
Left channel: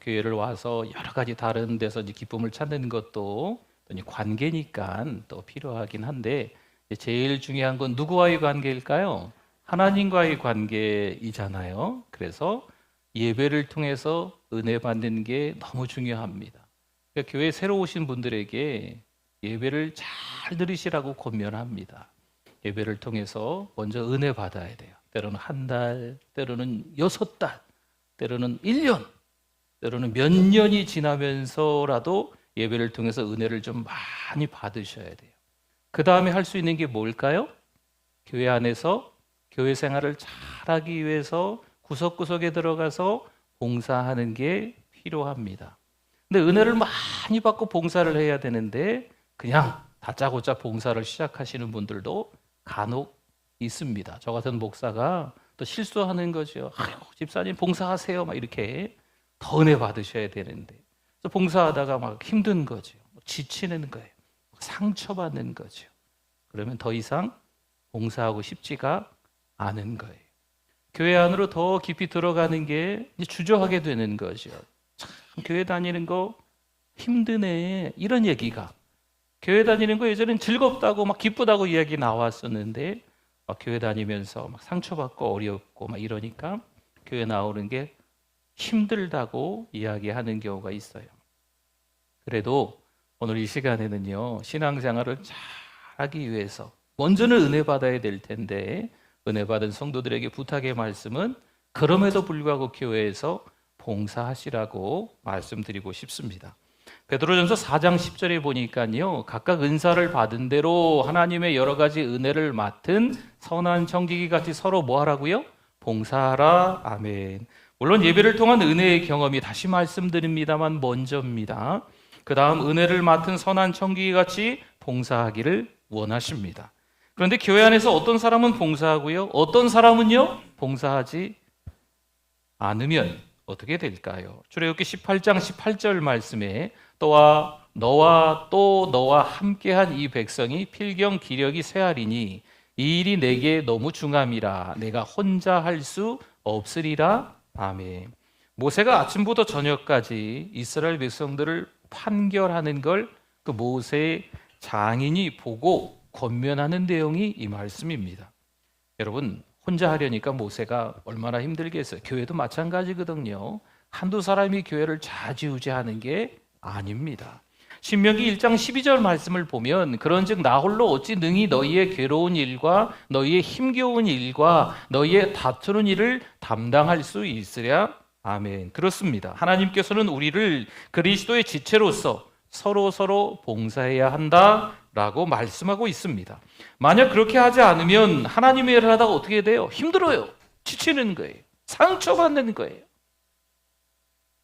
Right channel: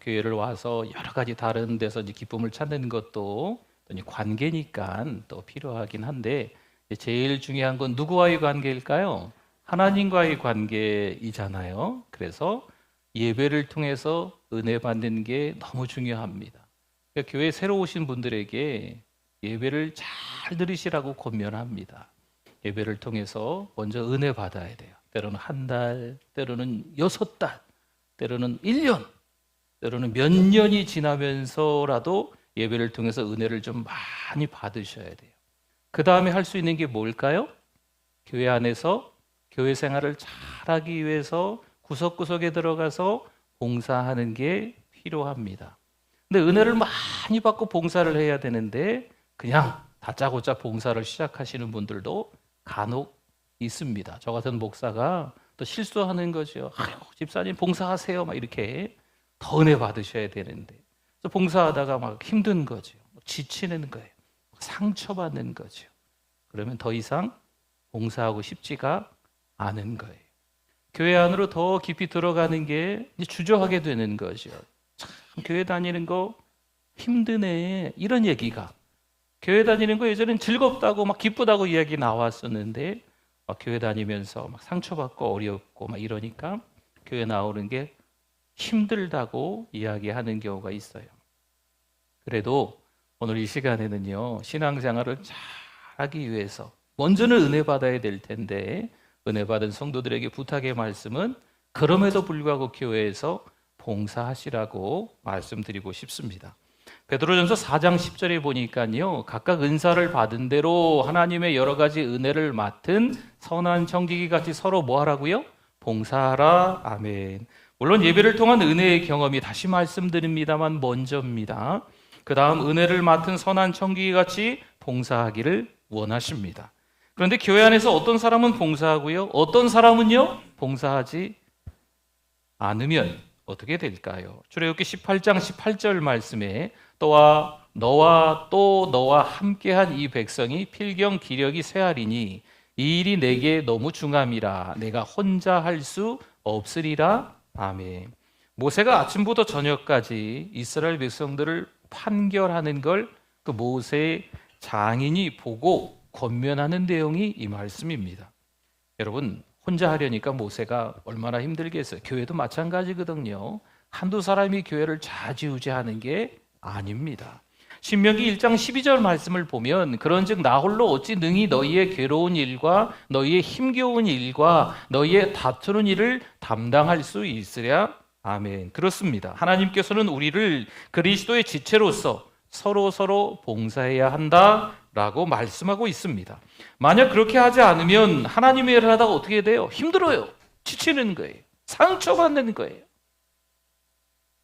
교회를 와서 여러 가지 다른 데서 이제 기쁨을 찾는 것도 관계니까 또 필요하긴 한데, 제일 중요한 건 누구와의 관계일까요? 하나님과의 관계이잖아요. 그래서 예배를 통해서 은혜 받는 게 너무 중요합니다. 그러니까 교회에 새로 오신 분들에게 예배를 잘 들으시라고 권면합니다. 예배를 통해서 먼저 은혜 받아야 돼요. 때로는 한 달, 때로는 6달, 때로는 1년, 때로는 몇 년이 지나면서라도 예배를 통해서 은혜를 좀 많이 받으셔야 돼요. 그 다음에 할 수 있는 게 뭘까요? 교회 안에서 교회 생활을 잘하기 위해서 구석구석에 들어가서 봉사하는 게 필요합니다. 근데 은혜를 많이 받고 봉사를 해야 되는데 그냥 다짜고짜 봉사를 시작하시는 분들도 간혹 있습니다. 저 같은 목사가 또 실수하는 거죠. 아유, 집사님 봉사하세요. 막 이렇게 더 은혜 받으셔야 되는데 봉사하다가 막 힘든 거죠. 지치는 거예요. 상처받는 거죠. 그러면 더 이상 봉사하고 싶지가 않은 거예요. 교회 안으로 더 깊이 들어가는 게 주저하게 되는 거죠. 참 교회 다니는 거 힘드네, 이런 얘기가, 교회 다니는 거 예전엔 즐겁다고 막 기쁘다고 이야기 나왔었는데 교회 다니면서 막 상처받고 어렵고 막 이러니까 교회 나오는 게 힘들다고 이야기하는 경우가 있어요. 그래도 오늘 이 시간에는요, 신앙생활을 잘 하기 위해서 먼저는 은혜 받아야 될 텐데, 은혜 받은 성도들에게 부탁의 말씀은 그럼에도 불구하고 교회에서 봉사하시라고 말씀드리고 싶습니다. 베드로전서 4장 10절에 보니까요, 각각 은사를 받은 대로 하나님의 여러 가지 은혜를 맡은 선한 청지기 같이 서로 뭐 하라고요? 봉사하라. 아멘. 물론 예배를 통한 은혜의 경험이, 다시 말씀드립니다만, 먼저입니다. 그 다음 은혜를 맡은 선한 청지기 같이 봉사하기를 원하십니다. 그런데 교회 안에서 어떤 사람은 봉사하고요, 어떤 사람은요 봉사하지 않으면 어떻게 될까요? 출애굽기 18장 18절 말씀에 너와 함께한 이 백성이 필경 기력이 쇠하리니 이 일이 내게 너무 중함이라 내가 혼자 할 수 없으리라. 아멘. 모세가 아침부터 저녁까지 이스라엘 백성들을 판결하는 걸 그 모세의 장인이 보고 권면하는 내용이 이 말씀입니다. 여러분, 혼자 하려니까 모세가 얼마나 힘들겠어요. 교회도 마찬가지거든요. 한두 사람이 교회를 좌지우지하는 게 아닙니다. 신명기 1장 12절 말씀을 보면 그런즉 나 홀로 어찌 능히 너희의 괴로운 일과 너희의 힘겨운 일과 너희의 다투는 일을 담당할 수 있으랴. 아멘. 그렇습니다. 하나님께서는 우리를 그리스도의 지체로서 서로 봉사해야 한다라고 말씀하고 있습니다. 만약 그렇게 하지 않으면 하나님의 일을 하다가 어떻게 돼요? 힘들어요. 지치는 거예요. 상처받는 거예요.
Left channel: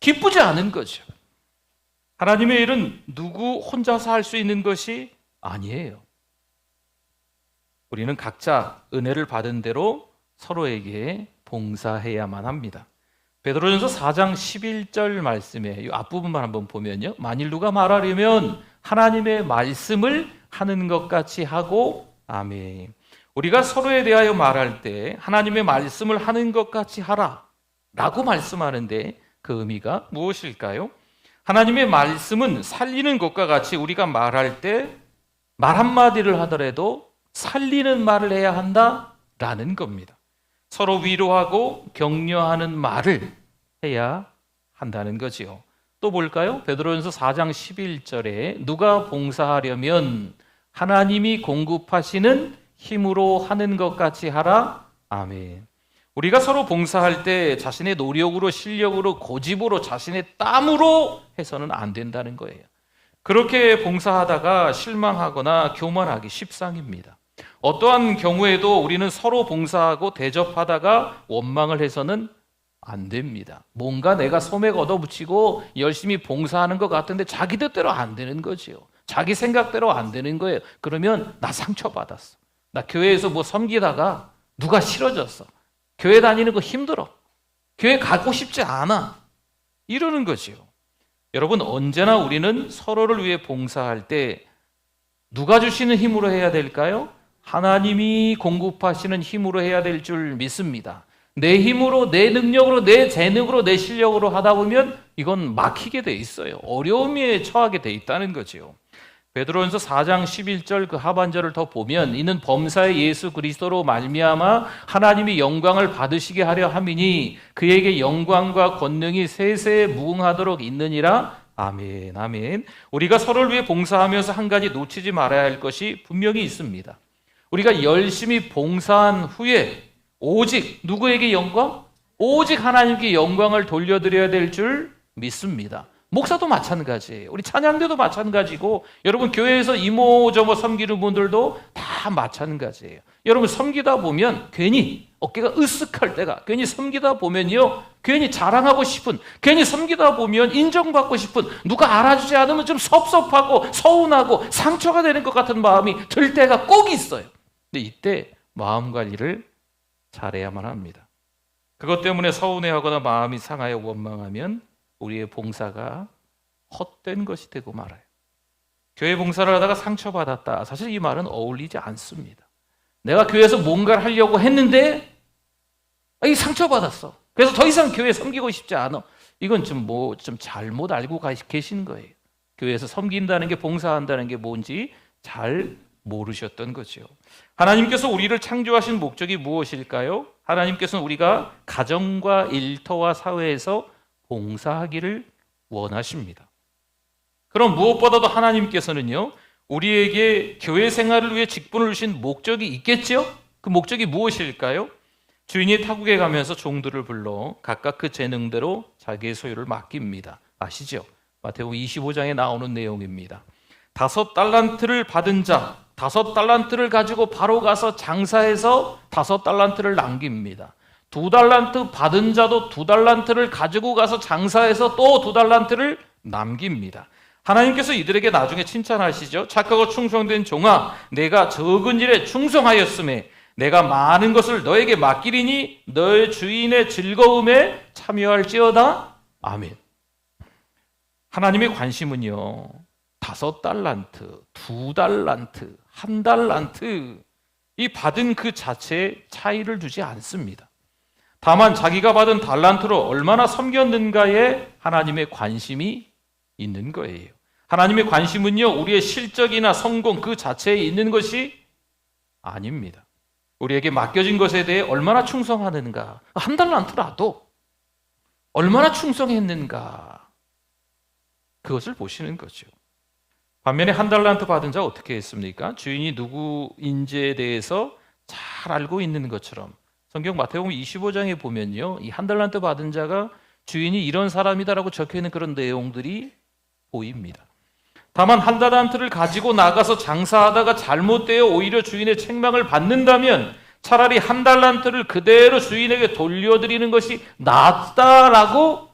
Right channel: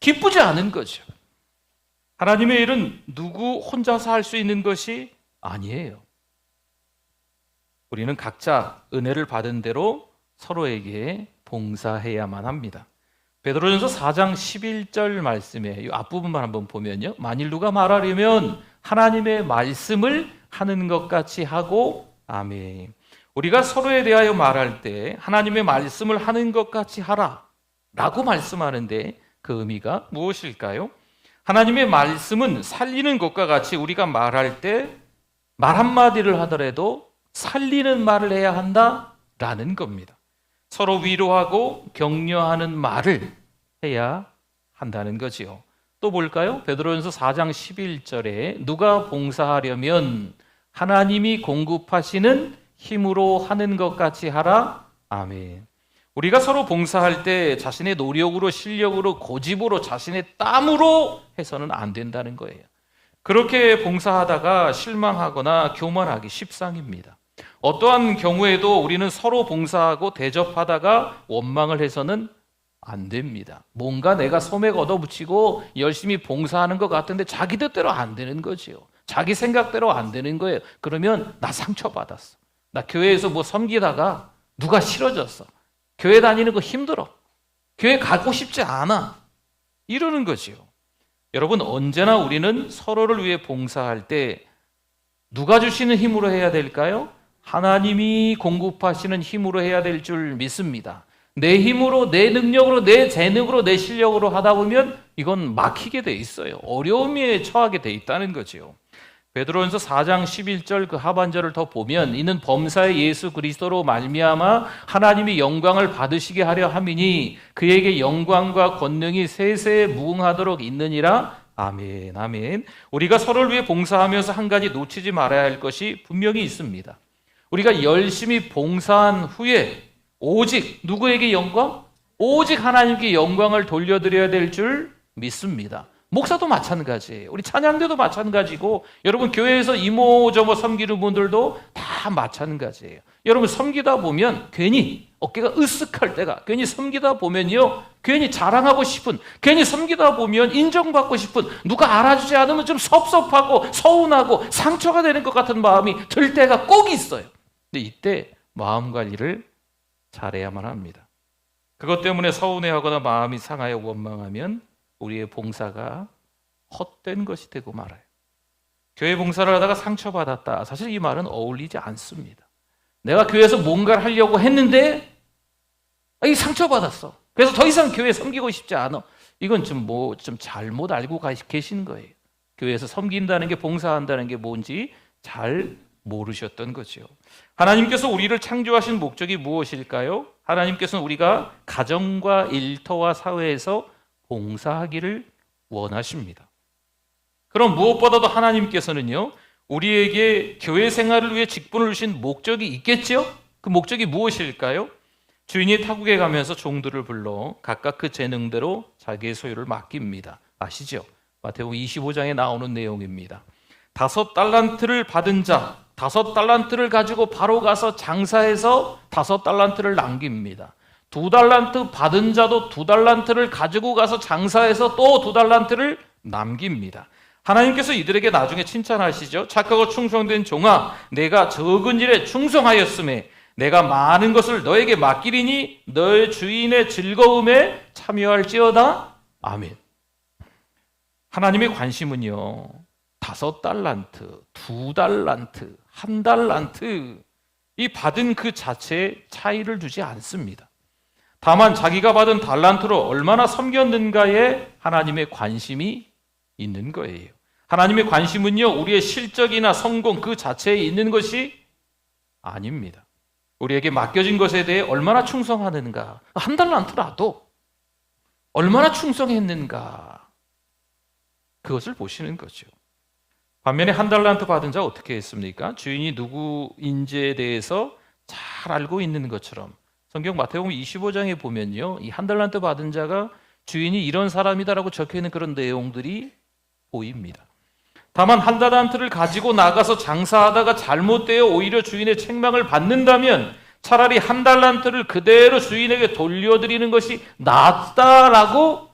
기쁘지 않은 거죠. 하나님의 일은 누구 혼자서 할 수 있는 것이 아니에요. 우리는 각자 은혜를 받은 대로 서로에게 봉사해야만 합니다. 베드로전서 4장 11절 말씀에 이 앞부분만 한번 보면요. 만일 누가 말하려면 하나님의 말씀을 하는 것 같이 하고, 아멘. 우리가 서로에 대하여 말할 때 하나님의 말씀을 하는 것 같이 하라 라고 말씀하는데 그 의미가 무엇일까요? 하나님의 말씀은 살리는 것과 같이 우리가 말할 때 말 한마디를 하더라도 살리는 말을 해야 한다라는 겁니다. 서로 위로하고 격려하는 말을 해야 한다는 거지요. 또 볼까요? 베드로전서 4장 11절에 누가 봉사하려면 하나님이 공급하시는 힘으로 하는 것 같이 하라. 아멘. 우리가 서로 봉사할 때 자신의 노력으로, 실력으로, 고집으로, 자신의 땀으로 해서는 안 된다는 거예요. 그렇게 봉사하다가 실망하거나 교만하기 십상입니다. 어떠한 경우에도 우리는 서로 봉사하고 대접하다가 원망을 해서는 안 됩니다. 뭔가 내가 소맥 얻어붙이고 열심히 봉사하는 것 같은데 자기 뜻대로 안 되는 거지요. 자기 생각대로 안 되는 거예요. 그러면 나 상처받았어. 나 교회에서 뭐 섬기다가 누가 싫어졌어. 교회 다니는 거 힘들어. 교회 가고 싶지 않아. 이러는 거지요. 여러분, 언제나 우리는 서로를 위해 봉사할 때 누가 주시는 힘으로 해야 될까요? 하나님이 공급하시는 힘으로 해야 될 줄 믿습니다. 내 힘으로, 내 능력으로, 내 재능으로, 내 실력으로 하다 보면 이건 막히게 돼 있어요. 어려움에 처하게 돼 있다는 거죠. 베드로전서 4장 11절 그 하반절을 더 보면 이는 범사의 예수 그리스도로 말미암아 하나님이 영광을 받으시게 하려 함이니 그에게 영광과 권능이 세세에 무궁하도록 있느니라. 아멘, 아멘. 우리가 서로를 위해 봉사하면서 한 가지 놓치지 말아야 할 것이 분명히 있습니다. 우리가 열심히 봉사한 후에 오직 누구에게 영광? 오직 하나님께 영광을 돌려드려야 될 줄 믿습니다. 목사도 마찬가지예요. 우리 찬양대도 마찬가지고 여러분 교회에서 이모저모 섬기는 분들도 다 마찬가지예요. 여러분 섬기다 보면 괜히 어깨가 으쓱할 때가, 괜히 섬기다 보면요, 괜히 자랑하고 싶은, 괜히 섬기다 보면 인정받고 싶은, 누가 알아주지 않으면 좀 섭섭하고 서운하고 상처가 되는 것 같은 마음이 들 때가 꼭 있어요. 근데 이때 마음 관리를 잘해야만 합니다. 그것 때문에 서운해하거나 마음이 상하여 원망하면 우리의 봉사가 헛된 것이 되고 말아요. 교회 봉사를 하다가 상처받았다. 사실 이 말은 어울리지 않습니다. 내가 교회에서 뭔가를 하려고 했는데 이 상처받았어. 그래서 더 이상 교회 섬기고 싶지 않아. 이건 좀 잘못 알고 계신 거예요. 교회에서 섬긴다는 게, 봉사한다는 게 뭔지 잘 모르셨던 거죠. 하나님께서 우리를 창조하신 목적이 무엇일까요? 하나님께서는 우리가 가정과 일터와 사회에서 봉사하기를 원하십니다. 그럼 무엇보다도 하나님께서는요, 우리에게 교회 생활을 위해 직분을 주신 목적이 있겠죠? 그 목적이 무엇일까요? 주인이 타국에 가면서 종들을 불러 각각 그 재능대로 자기의 소유를 맡깁니다. 아시죠? 마태복음 25장에 나오는 내용입니다. 5달란트를 받은 자, 5달란트를 가지고 바로 가서 장사해서 5달란트를 남깁니다. 2달란트 받은 자도 2달란트를 가지고 가서 장사해서 또 2달란트를 남깁니다. 하나님께서 이들에게 나중에 칭찬하시죠. 착하고 충성된 종아, 내가 적은 일에 충성하였음에 내가 많은 것을 너에게 맡기리니 너의 주인의 즐거움에 참여할지어다. 아멘. 하나님의 관심은요, 5달란트, 2달란트, 1달란트 이 받은 그 자체에 차이를 두지 않습니다. 다만 자기가 받은 달란트로 얼마나 섬겼는가에 하나님의 관심이 있는 거예요. 하나님의 관심은요, 우리의 실적이나 성공 그 자체에 있는 것이 아닙니다. 우리에게 맡겨진 것에 대해 얼마나 충성하는가, 1달란트라도 얼마나 충성했는가, 그것을 보시는 거죠. 반면에 1달란트 받은 자 어떻게 했습니까? 주인이 누구인지에 대해서 잘 알고 있는 것처럼 성경 마태복음 25장에 보면요, 이 1달란트 받은 자가 주인이 이런 사람이다라고 적혀있는 그런 내용들이 보입니다. 다만 1달란트를 가지고 나가서 장사하다가 잘못되어 오히려 주인의 책망을 받는다면 차라리 1달란트를 그대로 주인에게 돌려드리는 것이 낫다라고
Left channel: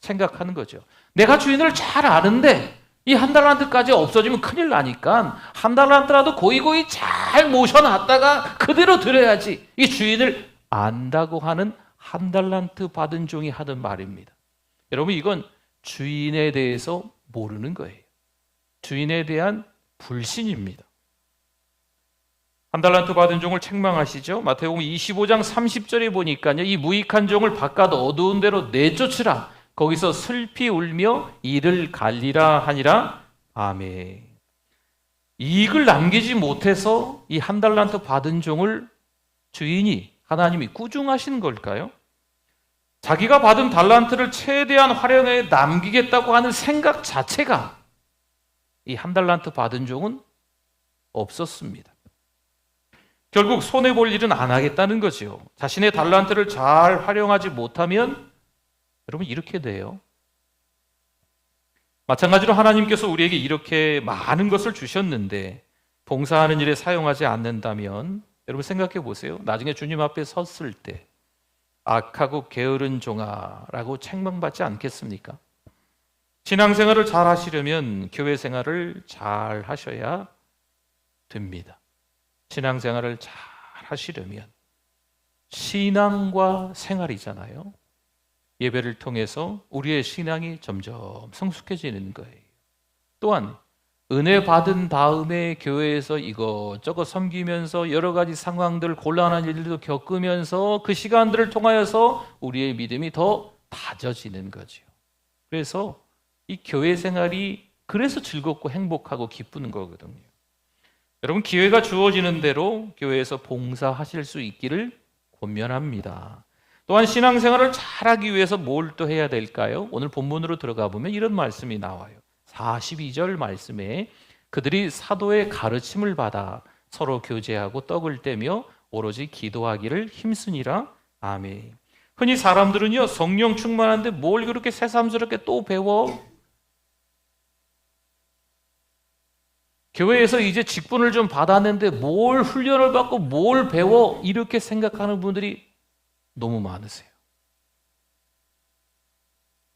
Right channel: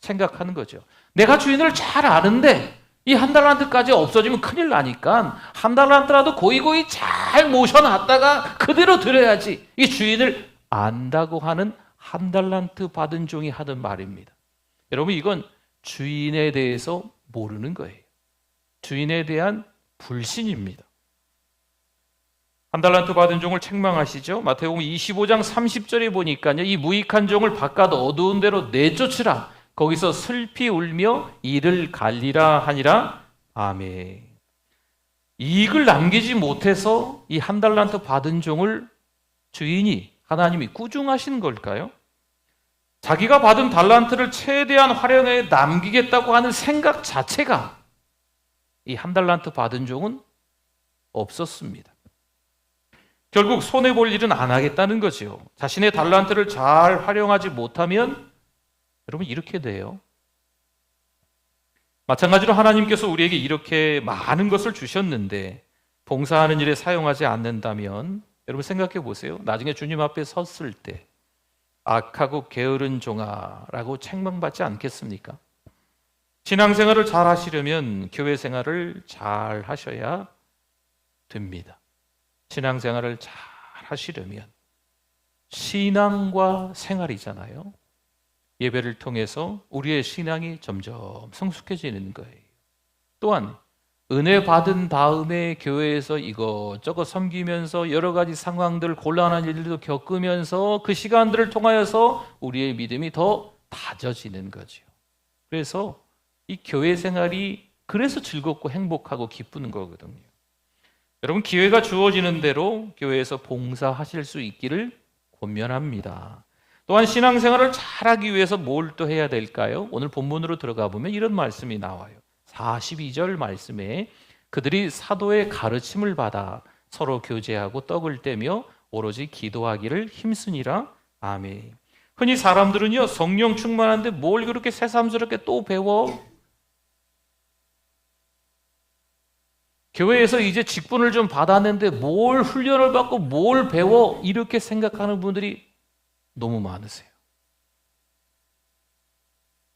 생각하는 거죠. 내가 주인을 잘 아는데 이 1달란트까지 없어지면 큰일 나니까 1달란트라도 고이고이 잘 모셔놨다가 그대로 드려야지. 이 주인을 안다고 하는 한 달란트 받은 종이 하던 말입니다. 여러분, 이건 주인에 대해서 모르는 거예요. 주인에 대한 불신입니다. 한 달란트 받은 종을 책망하시죠. 마태복음 25장 30절에 보니까요, 이 무익한 종을 바깥 어두운 데로 내쫓으라. 거기서 슬피 울며 이를 갈리라 하니라. 아멘. 이익을 남기지 못해서 이 한 달란트 받은 종을 주인이, 하나님이 꾸중하시는 걸까요? 자기가 받은 달란트를 최대한 활용해 남기겠다고 하는 생각 자체가 이 한 달란트 받은 종은 없었습니다. 결국 손해볼 일은 안 하겠다는 거죠. 자신의 달란트를 잘 활용하지 못하면 여러분 이렇게 돼요. 마찬가지로 하나님께서 우리에게 이렇게 많은 것을 주셨는데 봉사하는 일에 사용하지 않는다면 여러분 생각해 보세요. 나중에 주님 앞에 섰을 때 악하고 게으른 종아라고 책망받지 않겠습니까? 신앙생활을 잘 하시려면 교회 생활을 잘 하셔야 됩니다. 신앙생활을 잘 하시려면 신앙과 생활이잖아요. 예배를 통해서 우리의 신앙이 점점 성숙해지는 거예요. 또한 은혜 받은 다음에 교회에서 이것저것 섬기면서 여러 가지 상황들, 곤란한 일들도 겪으면서 그 시간들을 통하여서 우리의 믿음이 더 다져지는 거죠. 그래서 이 교회 생활이 그래서 즐겁고 행복하고 기쁜 거거든요. 여러분, 기회가 주어지는 대로 교회에서 봉사하실 수 있기를 권면합니다. 또한 신앙생활을 잘하기 위해서 뭘 또 해야 될까요? 오늘 본문으로 들어가 보면 이런 말씀이 나와요. 42절 말씀에 그들이 사도의 가르침을 받아 서로 교제하고 떡을 떼며 오로지 기도하기를 힘쓰니라. 아멘. 흔히 사람들은요, 성령 충만한데 뭘 그렇게 새삼스럽게 또 배워? 교회에서 이제 직분을 좀 받았는데 뭘 훈련을 받고 뭘 배워? 이렇게 생각하는 분들이 너무 많으세요.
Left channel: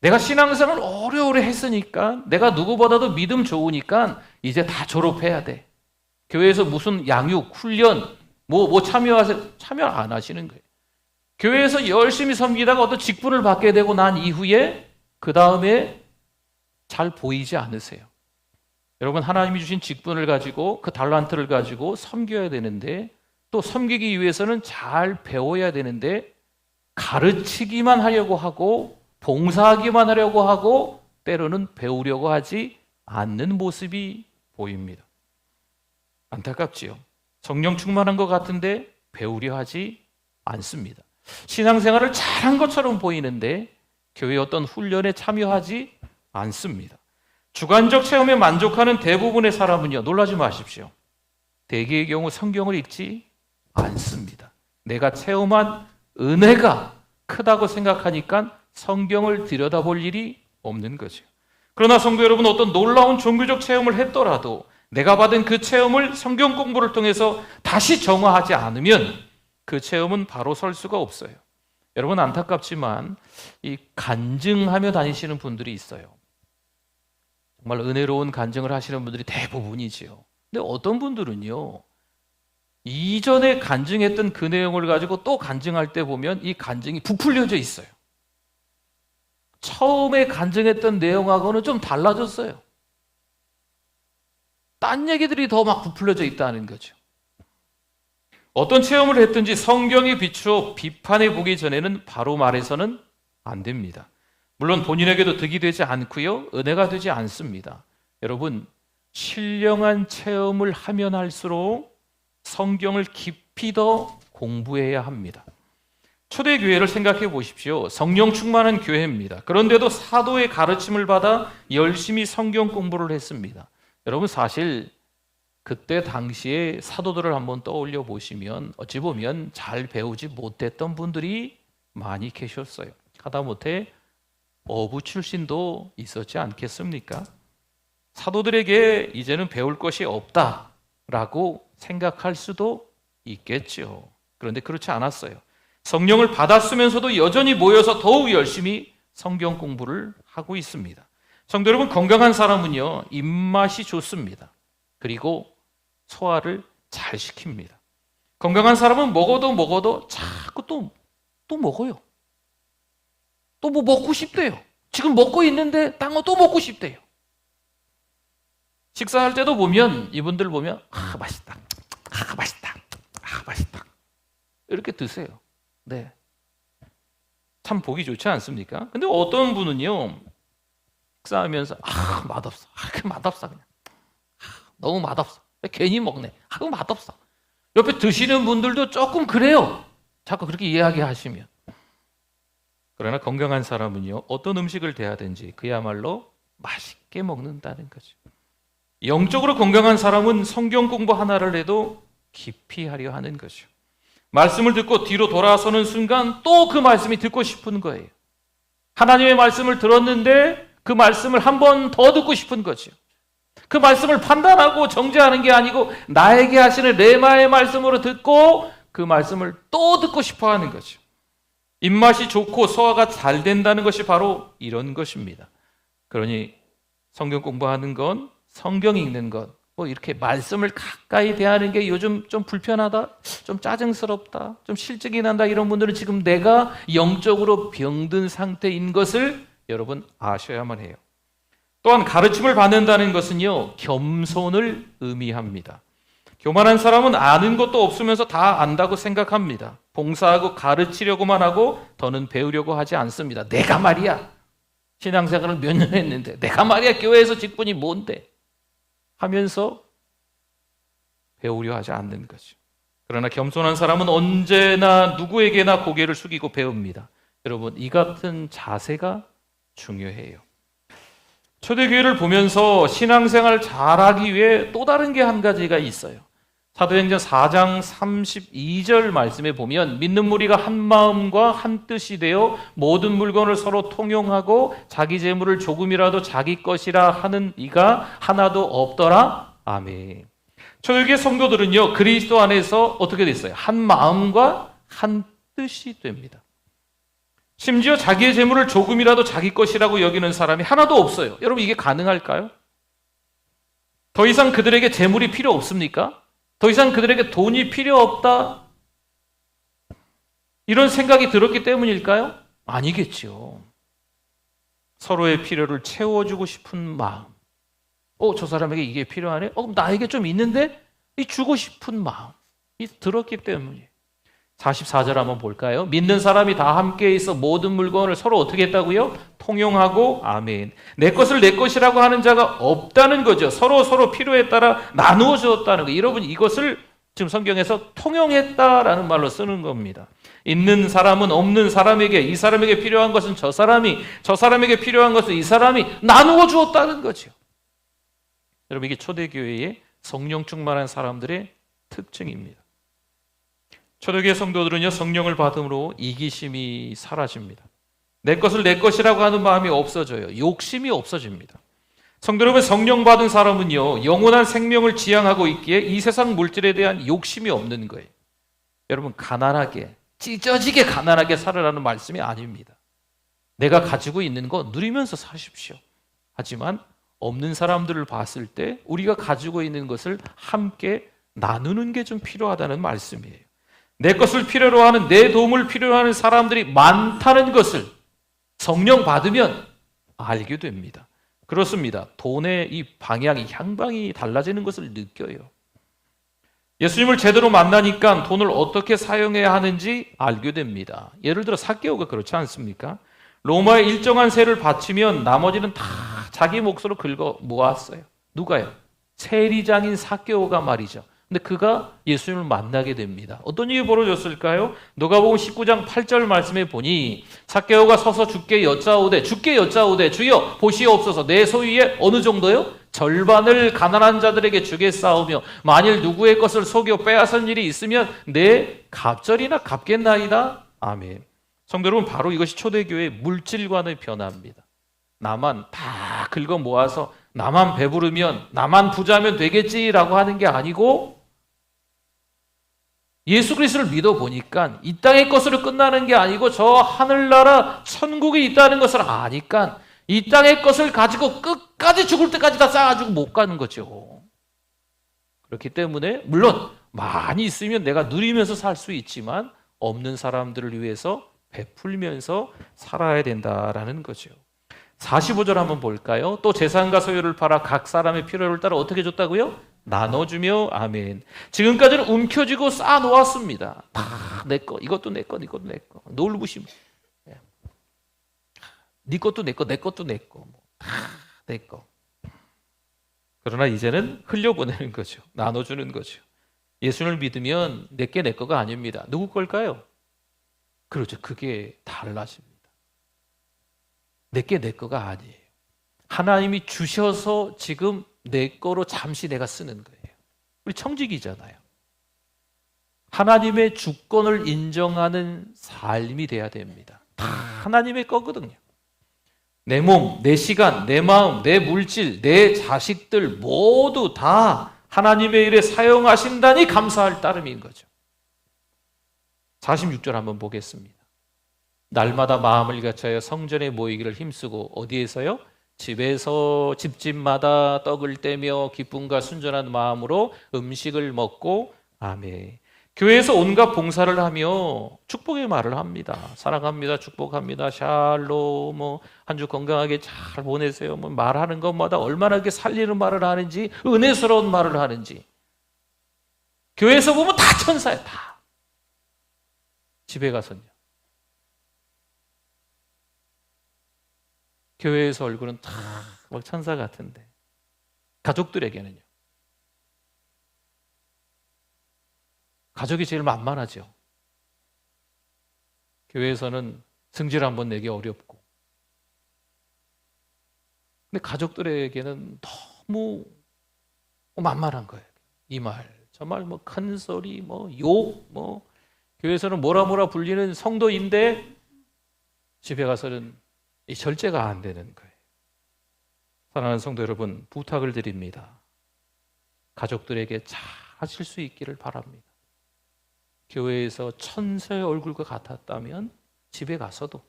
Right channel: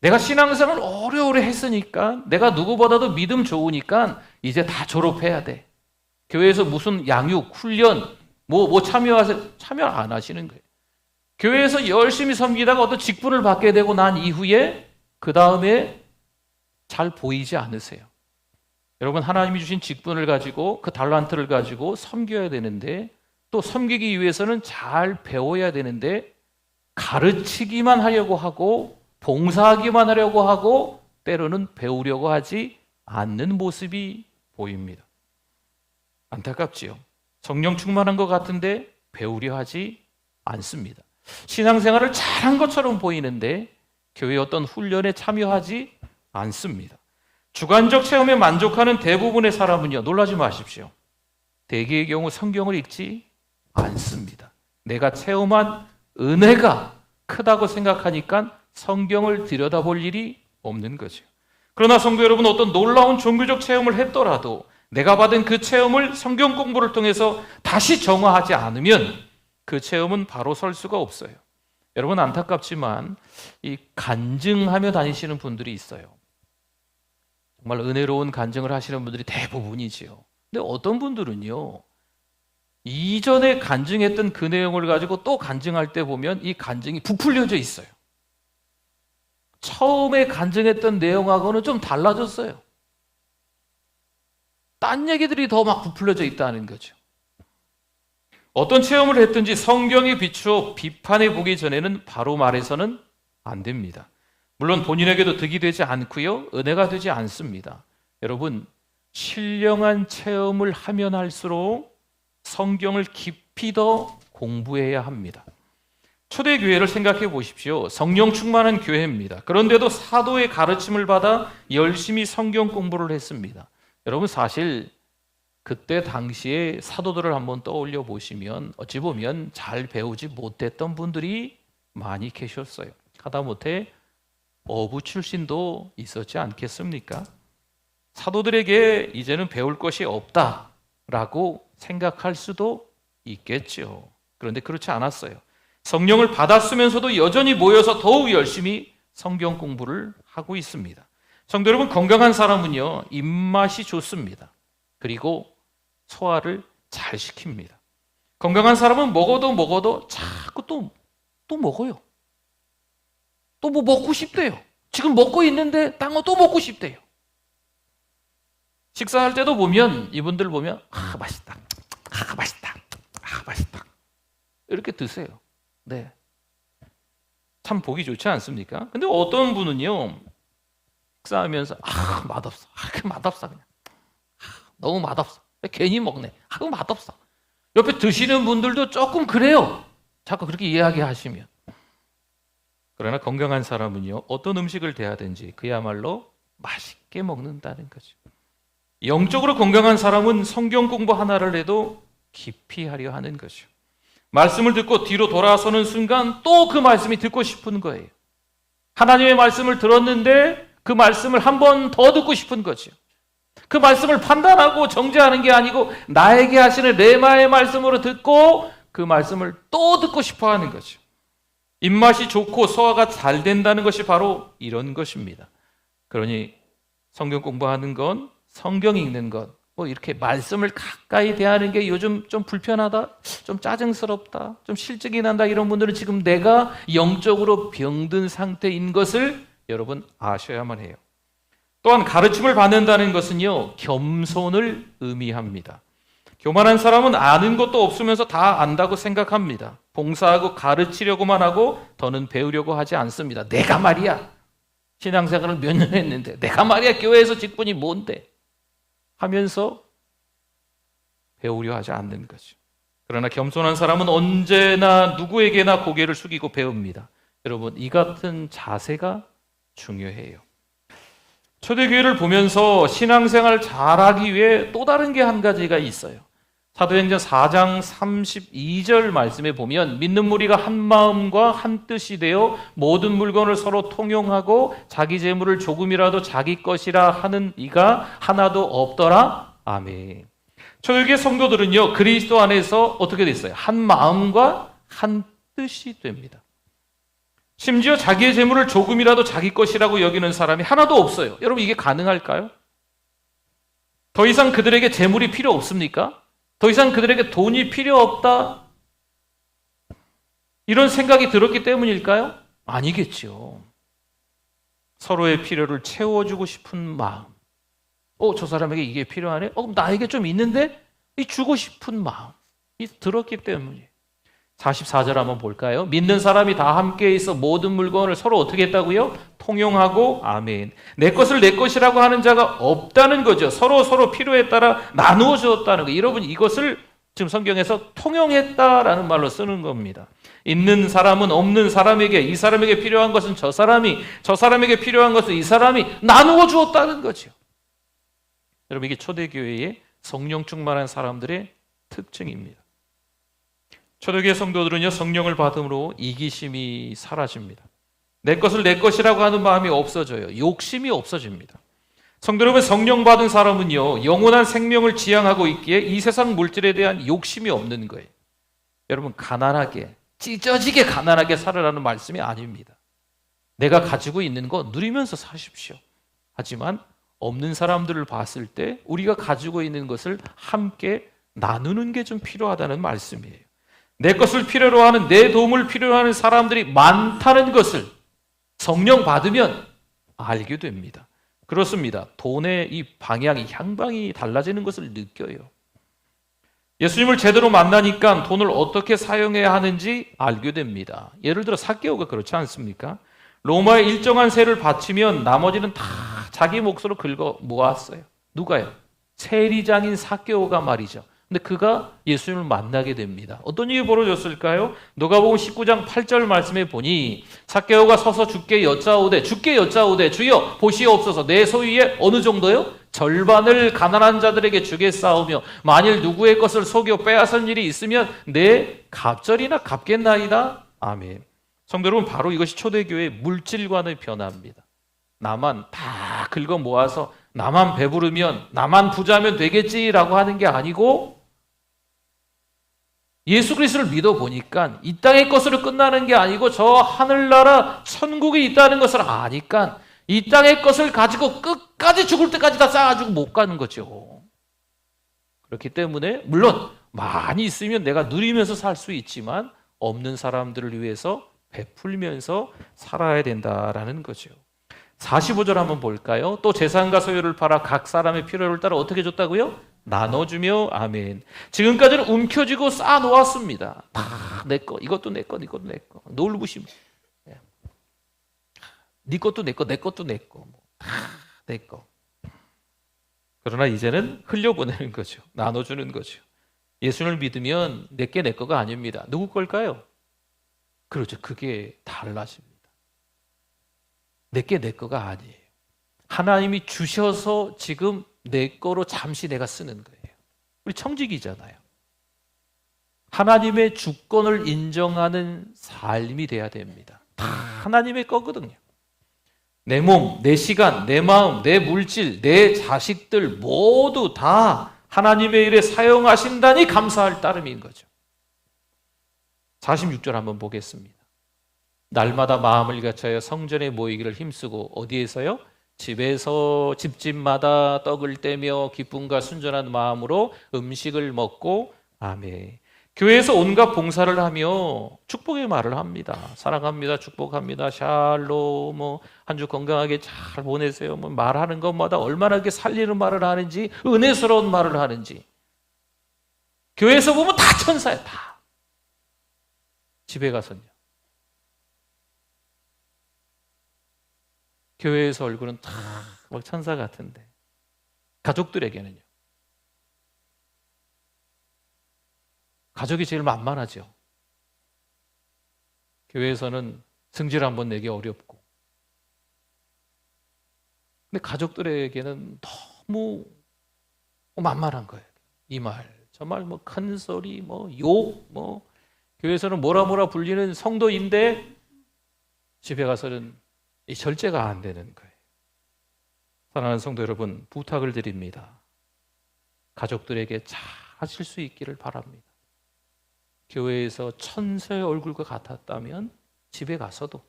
내가 신앙생활을 오래오래 했으니까, 내가 누구보다도 믿음 좋으니까 이제 다 졸업해야 돼. 교회에서 무슨 양육, 훈련, 참여하세요? 참여 안 하시는 거예요. 교회에서 열심히 섬기다가 어떤 직분을 받게 되고 난 이후에 그 다음에 잘 보이지 않으세요. 여러분, 하나님이 주신 직분을 가지고 그 달란트를 가지고 섬겨야 되는데, 또 섬기기 위해서는 잘 배워야 되는데 가르치기만 하려고 하고 봉사하기만 하려고 하고 때로는 배우려고 하지 않는 모습이 보입니다. 안타깝지요. 성령 충만한 것 같은데 배우려 하지 않습니다. 신앙생활을 잘한 것처럼 보이는데 교회 어떤 훈련에 참여하지 않습니다. 주관적 체험에 만족하는 대부분의 사람은요, 놀라지 마십시오. 대개의 경우 성경을 읽지 않습니다. 내가 체험한 은혜가 크다고 생각하니까 성경을 들여다볼 일이 없는 거죠. 그러나 성도 여러분, 어떤 놀라운 종교적 체험을 했더라도 내가 받은 그 체험을 성경 공부를 통해서 다시 정화하지 않으면 그 체험은 바로 설 수가 없어요. 여러분, 안타깝지만 이 간증하며 다니시는 분들이 있어요. 정말 은혜로운 간증을 하시는 분들이 대부분이지요. 근데 어떤 분들은요, 이전에 간증했던 그 내용을 가지고 또 간증할 때 보면 이 간증이 부풀려져 있어요. 처음에 간증했던 내용하고는 좀 달라졌어요. 딴 얘기들이 더 막 부풀려져 있다는 거죠. 어떤 체험을 했든지 성경에 비추어 비판해 보기 전에는 바로 말해서는 안 됩니다. 물론 본인에게도 득이 되지 않고요, 은혜가 되지 않습니다. 여러분, 신령한 체험을 하면 할수록 성경을 깊이 더 공부해야 합니다. 초대교회를 생각해 보십시오. 성령 충만한 교회입니다. 그런데도 사도의 가르침을 받아 열심히 성경 공부를 했습니다. 여러분, 사실 그때 당시에 사도들을 한번 떠올려 보시면 어찌 보면 잘 배우지 못했던 분들이 많이 계셨어요. 하다못해 어부 출신도 있었지 않겠습니까? 사도들에게 이제는 배울 것이 없다라고 생각할 수도 있겠죠. 그런데 그렇지 않았어요. 성령을 받았으면서도 여전히 모여서 더욱 열심히 성경 공부를 하고 있습니다. 성도 여러분, 건강한 사람은요, 입맛이 좋습니다. 그리고 소화를 잘 시킵니다. 건강한 사람은 먹어도 자꾸 또 먹어요. 또 뭐 먹고 싶대요. 지금 먹고 있는데 딴 거 또 먹고 싶대요. 식사할 때도 보면 이분들 보면 맛있다. 맛있다. 맛있다. 이렇게 드세요. 네. 참 보기 좋지 않습니까? 근데 어떤 분은요, 식사하면서 맛없어. 맛없어 그냥. 너무 맛없어. 괜히 먹네. 맛없어. 옆에 드시는 분들도 조금 그래요. 자꾸 그렇게 이야기하시면. 그러나 건강한 사람은요, 어떤 음식을 대하든지 그야말로 맛있게 먹는다는 거죠. 영적으로 건강한 사람은 성경 공부 하나를 해도 깊이 하려 하는 거죠. 말씀을 듣고 뒤로 돌아서는 순간 또 그 말씀이 듣고 싶은 거예요. 하나님의 말씀을 들었는데 그 말씀을 한 번 더 듣고 싶은 거죠. 그 말씀을 판단하고 정죄하는 게 아니고 나에게 하시는 레마의 말씀으로 듣고 그 말씀을 또 듣고 싶어 하는 거죠. 입맛이 좋고 소화가 잘 된다는 것이 바로 이런 것입니다. 그러니 성경 공부하는 건, 성경 읽는 것, 뭐 이렇게 말씀을 가까이 대하는 게 요즘 좀 불편하다, 좀 짜증스럽다, 좀 실증이 난다, 이런 분들은 지금 내가 영적으로 병든 상태인 것을 여러분 아셔야만 해요. 또한 가르침을 받는다는 것은요, 겸손을 의미합니다. 교만한 사람은 아는 것도 없으면서 다 안다고 생각합니다. 봉사하고 가르치려고만 하고 더는 배우려고 하지 않습니다. 내가 말이야, 신앙생활을 몇 년 했는데 내가 말이야, 교회에서 직분이 뭔데 하면서 배우려 하지 않는 거죠. 그러나 겸손한 사람은 언제나 누구에게나 고개를 숙이고 배웁니다. 여러분, 이 같은 자세가 중요해요. 초대교회를 보면서 신앙생활 잘하기 위해 또 다른 게 한 가지가 있어요. 사도행전 4장 32절 말씀에 보면 믿는 무리가 한 마음과 한 뜻이 되어 모든 물건을 서로 통용하고 자기 재물을 조금이라도 자기 것이라 하는 이가 하나도 없더라. 아멘. 초대교회 성도들은요, 그리스도 안에서 어떻게 됐어요? 한 마음과 한 뜻이 됩니다. 심지어 자기의 재물을 조금이라도 자기 것이라고 여기는 사람이 하나도 없어요. 여러분, 이게 가능할까요? 더 이상 그들에게 재물이 필요 없습니까? 더 이상 그들에게 돈이 필요 없다, 이런 생각이 들었기 때문일까요? 아니겠죠. 서로의 필요를 채워주고 싶은 마음. 저 사람에게 이게 필요하네? 나에게 좀 있는데? 주고 싶은 마음이 들었기 때문이에요. 44절 한번 볼까요? 믿는 사람이 다 함께 있어 모든 물건을 서로 어떻게 했다고요? 통용하고, 아멘. 내 것을 내 것이라고 하는 자가 없다는 거죠. 서로 필요에 따라 나누어 주었다는 거. 여러분, 이것을 지금 성경에서 통용했다라는 말로 쓰는 겁니다. 있는 사람은 없는 사람에게, 이 사람에게 필요한 것은 저 사람이, 저 사람에게 필요한 것은 이 사람이 나누어 주었다는 거죠. 여러분, 이게 초대교회의 성령 충만한 사람들의 특징입니다. 초대교회 성도들은요, 성령을 받음으로 이기심이 사라집니다. 내 것을 내 것이라고 하는 마음이 없어져요. 욕심이 없어집니다. 성도 여러분, 성령 받은 사람은요, 영원한 생명을 지향하고 있기에 이 세상 물질에 대한 욕심이 없는 거예요. 여러분, 가난하게, 찢어지게 가난하게 살으라는 말씀이 아닙니다. 내가 가지고 있는 거 누리면서 사십시오. 하지만 없는 사람들을 봤을 때 우리가 가지고 있는 것을 함께 나누는 게 좀 필요하다는 말씀이에요. 내 것을 필요로 하는, 내 도움을 필요로 하는 사람들이 많다는 것을 성령 받으면 알게 됩니다. 그렇습니다. 돈의 이 방향이, 향방이 달라지는 것을 느껴요. 예수님을 제대로 만나니까 돈을 어떻게 사용해야 하는지 알게 됩니다. 예를 들어 삭개오가 그렇지 않습니까? 로마의 일정한 세를 바치면 나머지는 다 자기 몫으로 긁어 모았어요. 누가요? 세리장인 삭개오가 말이죠. 근데 그가 예수님을 만나게 됩니다. 어떤 일이 벌어졌을까요? 누가복음 19장 8절 말씀에 보니 삭개오가 서서 주께 여짜오되 주여 보시옵소서, 내 소유의 어느 정도요? 절반을 가난한 자들에게 주겠사오며 만일 누구의 것을 속여 빼앗은 일이 있으면 내 갑절이나 갚겠나이다. 아멘. 성도 여러분, 바로 이것이 초대교회의 물질관의 변화입니다. 나만 다 긁어 모아서 나만 배부르면, 나만 부자면 되겠지라고 하는 게 아니고, 예수 그리스도를 믿어보니까 이 땅의 것으로 끝나는 게 아니고 저 하늘나라 천국이 있다는 것을 아니까 이 땅의 것을 가지고 끝까지 죽을 때까지 다 쌓아가지고 못 가는 거죠. 그렇기 때문에 물론 많이 있으면 내가 누리면서 살 수 있지만 없는 사람들을 위해서 베풀면서 살아야 된다라는 거죠. 45절 한번 볼까요? 또 재산과 소유를 팔아 각 사람의 필요를 따라 어떻게 줬다고요? 나눠주며 아멘. 지금까지는 움켜쥐고 쌓아놓았습니다. 다 내 거, 이것도 내 거, 이것도 내 거. 놀부심. 네 것도 내 거, 내 것도 내 거. 다 내 거. 그러나 이제는 흘려보내는 거죠. 나눠주는 거죠. 예수를 믿으면 내게 내 거가 아닙니다. 누구 걸까요? 그렇죠. 그게 달라집니다. 내게 내 거가 아니에요. 하나님이 주셔서 지금 내 거로 잠시 내가 쓰는 거예요. 우리 청직이잖아요. 하나님의 주권을 인정하는 삶이 돼야 됩니다. 다 하나님의 거거든요. 내 몸, 내 시간, 내 마음, 내 물질, 내 자식들 모두 다 하나님의 일에 사용하신다니 감사할 따름인 거죠. 46절 한번 보겠습니다. 날마다 마음을 같여여 성전에 모이기를 힘쓰고 어디에서요? 집에서 집집마다 떡을 떼며 기쁨과 순전한 마음으로 음식을 먹고 아멘. 교회에서 온갖 봉사를 하며 축복의 말을 합니다. 사랑합니다. 축복합니다. 샬롬. 한 주 건강하게 잘 보내세요. 말하는 것마다 얼마나 이렇게 살리는 말을 하는지, 은혜스러운 말을 하는지. 교회에서 보면 다 천사야, 다. 집에 가서는요. 교회에서 얼굴은 다 막 천사 같은데 가족들에게는요. 가족이 제일 만만하죠. 교회에서는 승질 한번 내기 어렵고, 근데 가족들에게는 너무 만만한 거예요. 이 말, 저 말, 큰 소리, 욕, 교회에서는 뭐라 불리는 성도인데 집에 가서는 이 절제가 안 되는 거예요. 사랑하는 성도 여러분, 부탁을 드립니다. 가족들에게 잘 하실 수 있기를 바랍니다. 교회에서 천사의 얼굴과 같았다면 집에 가서도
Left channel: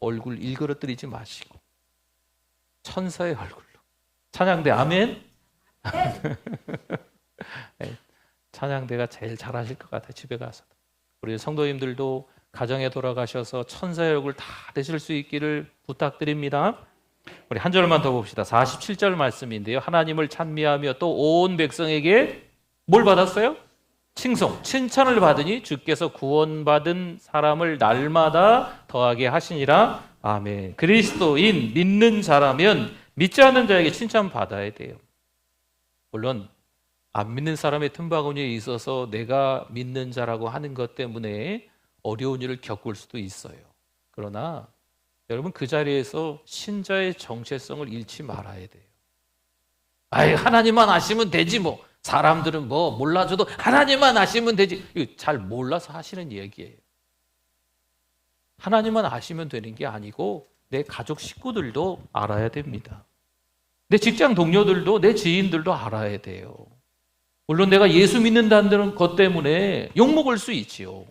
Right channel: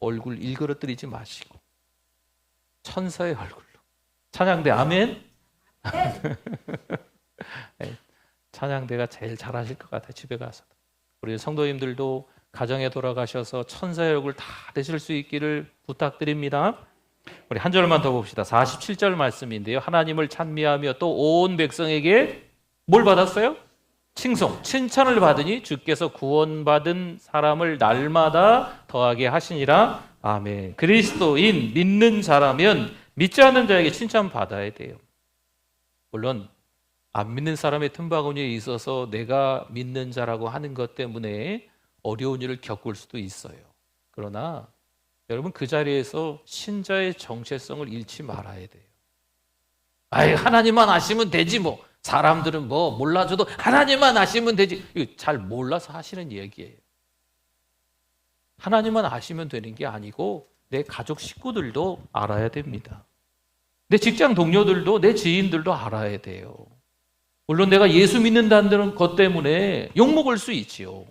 얼굴 일그러뜨리지 마시고 천사의 얼굴로. 찬양대 아멘. 네, 찬양대가 제일 잘하실 것 같아요. 집에 가서도. 우리 성도님들도 가정에 돌아가셔서 천사의 얼굴 다 되실 수 있기를 부탁드립니다. 우리 한 절만 더 봅시다. 47절 말씀인데요. 하나님을 찬미하며 또 온 백성에게 뭘 받았어요? 칭송, 칭찬을 받으니 주께서 구원받은 사람을 날마다 더하게 하시니라. 아멘. 그리스도인 믿는 자라면 믿지 않는 자에게 칭찬받아야 돼요. 물론 안 믿는 사람의 틈바구니에 있어서 내가 믿는 자라고 하는 것 때문에 어려운 일을 겪을 수도 있어요. 그러나 여러분 그 자리에서 신자의 정체성을 잃지 말아야 돼요. 하나님만 아시면 되지 뭐. 사람들은 몰라줘도 하나님만 아시면 되지. 이거 잘 몰라서 하시는 얘기예요. 하나님만 아시면 되는 게 아니고 내 가족 식구들도 알아야 됩니다. 내 직장 동료들도 내 지인들도 알아야 돼요. 물론 내가 예수 믿는다는 것 때문에 욕먹을 수 있지요.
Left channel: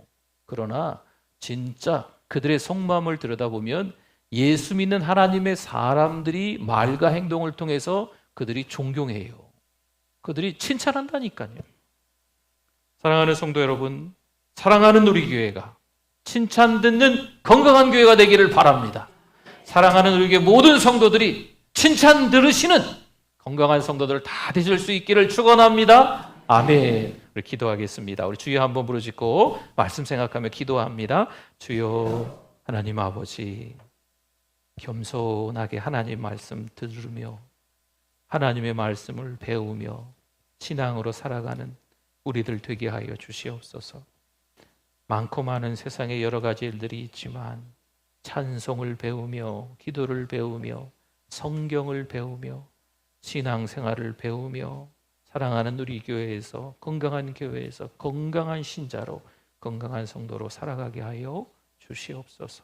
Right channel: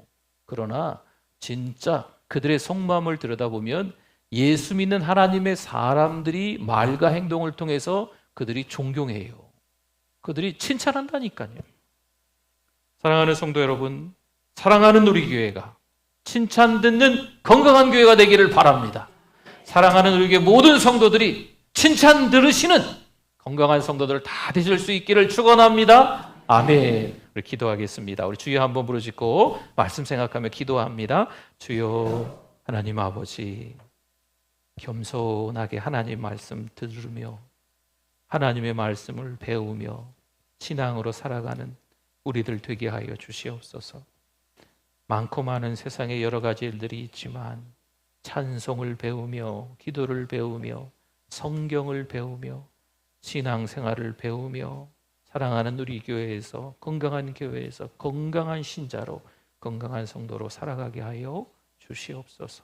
그러나 진짜 그들의 속마음을 들여다보면 예수 믿는 하나님의 사람들이 말과 행동을 통해서 그들이 존경해요. 그들이 칭찬한다니까요. 사랑하는 성도 여러분, 사랑하는 우리 교회가 칭찬 듣는 건강한 교회가 되기를 바랍니다. 사랑하는 우리 교회 모든 성도들이 칭찬 들으시는 건강한 성도들 다 되실 수 있기를 축원합니다. 아멘. 우리 기도하겠습니다. 우리 주여 한번 부르짖고 말씀 생각하며 기도합니다. 주여 하나님 아버지, 겸손하게 하나님 말씀 들으며 하나님의 말씀을 배우며 신앙으로 살아가는 우리들 되게 하여 주시옵소서. 많고 많은 세상에 여러 가지 일들이 있지만 찬송을 배우며 기도를 배우며 성경을 배우며 신앙생활을 배우며 사랑하는 우리 교회에서 건강한 교회에서 건강한 신자로 건강한 성도로 살아가게 하여 주시옵소서.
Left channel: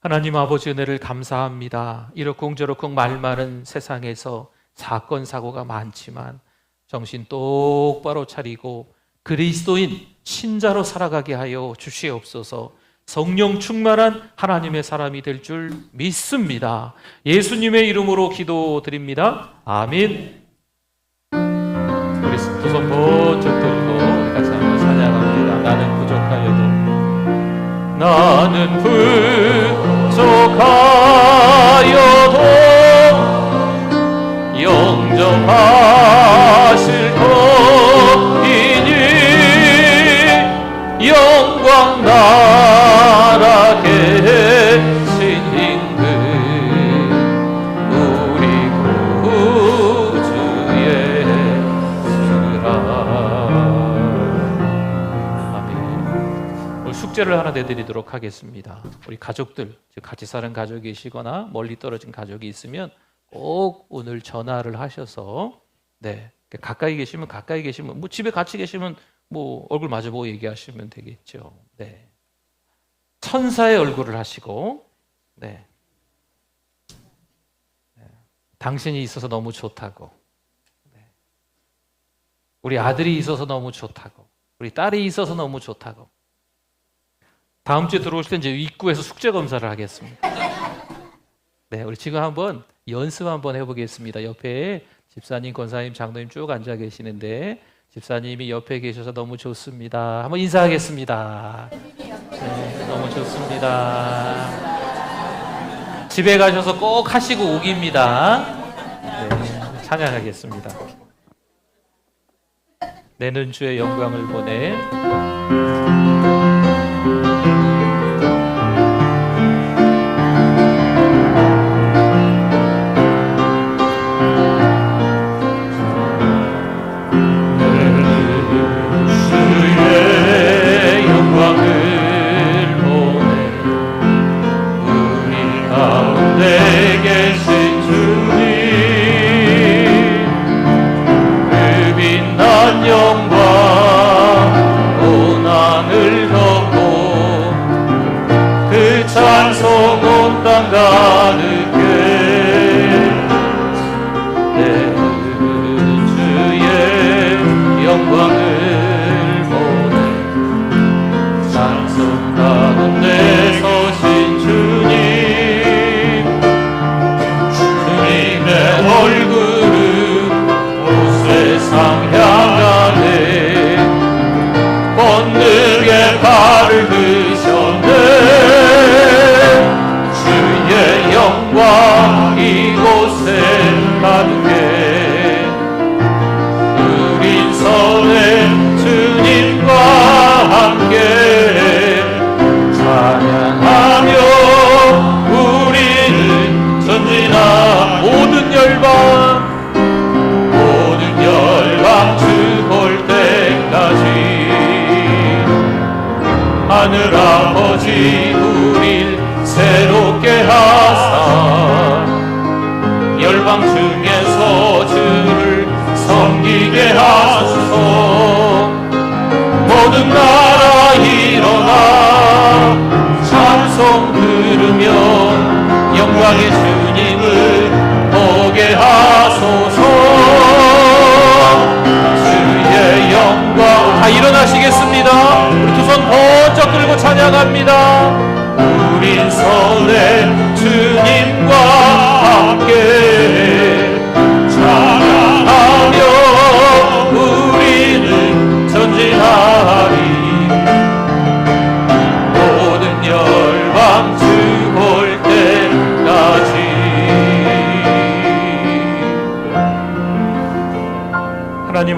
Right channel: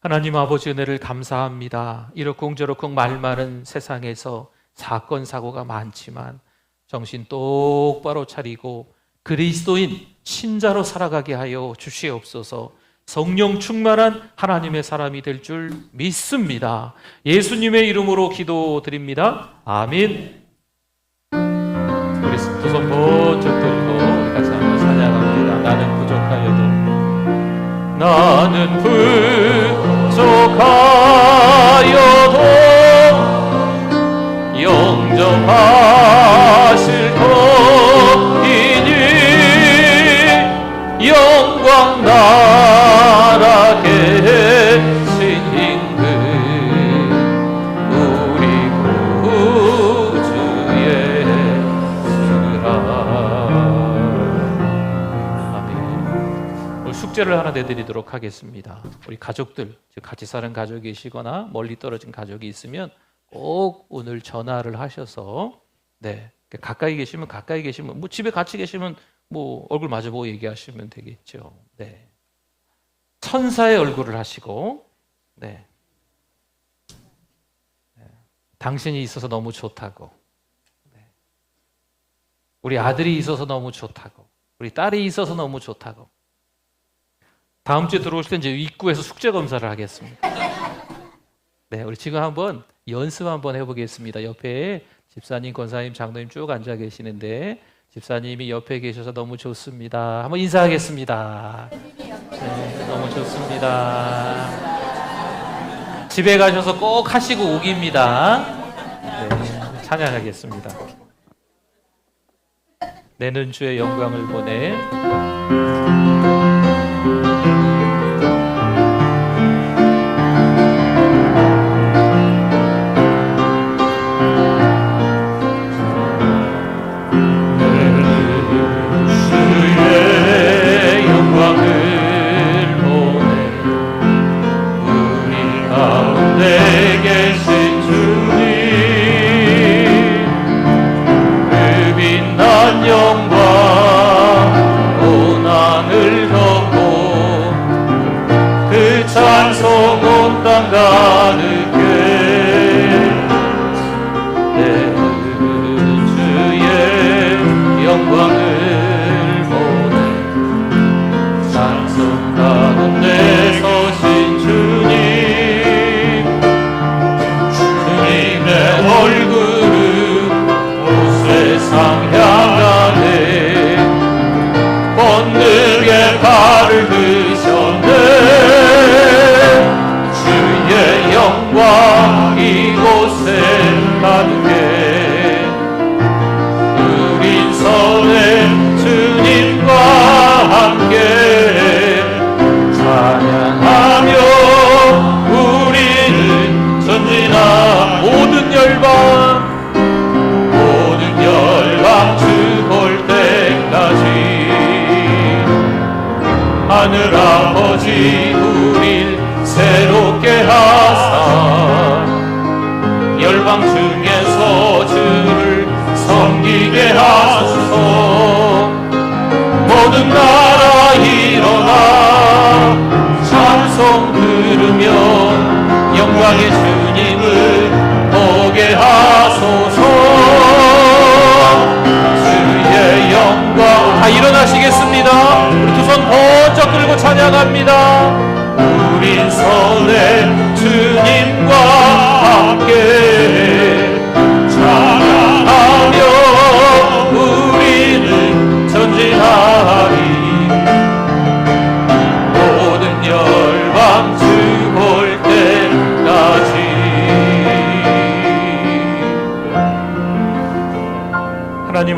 하나님 아버지 은혜를 감사합니다. 이러쿵저러쿵 말 많은 세상에서 사건 사고가 많지만 정신 똑바로 차리고 그리스도인 신자로 살아가게 하여 주시옵소서. 성령 충만한 하나님의 사람이 될 줄 믿습니다. 예수님의 이름으로 기도드립니다. 아멘. 우리 두 손 번쩍 들고 같이 한번 찬양합니다. 나는 부족하여도 알려드리도록 하겠습니다. 우리 가족들, 즉 같이 사는 가족이 계시거나 멀리 떨어진 가족이 있으면 꼭 오늘 전화를 하셔서 가까이 계시면 뭐 집에 같이 계시면 뭐 얼굴 마주보고 얘기하시면 되겠죠. 천사의 얼굴을 하시고 당신이 있어서 너무 좋다고, 우리 아들이 있어서 너무 좋다고, 우리 딸이 있어서 너무 좋다고. 다음 주에 들어오실 때 이제 입구에서 숙제 검사를 하겠습니다. 우리 지금 한번 연습 한번 해보겠습니다. 옆에 집사님, 권사님, 장로님 쭉 앉아 계시는데 집사님이 옆에 계셔서 너무 좋습니다. 한번 인사하겠습니다. 너무 좋습니다. 집에 가셔서 꼭 하시고 오기입니다. 찬양하겠습니다. 내는 주의 영광을 보내.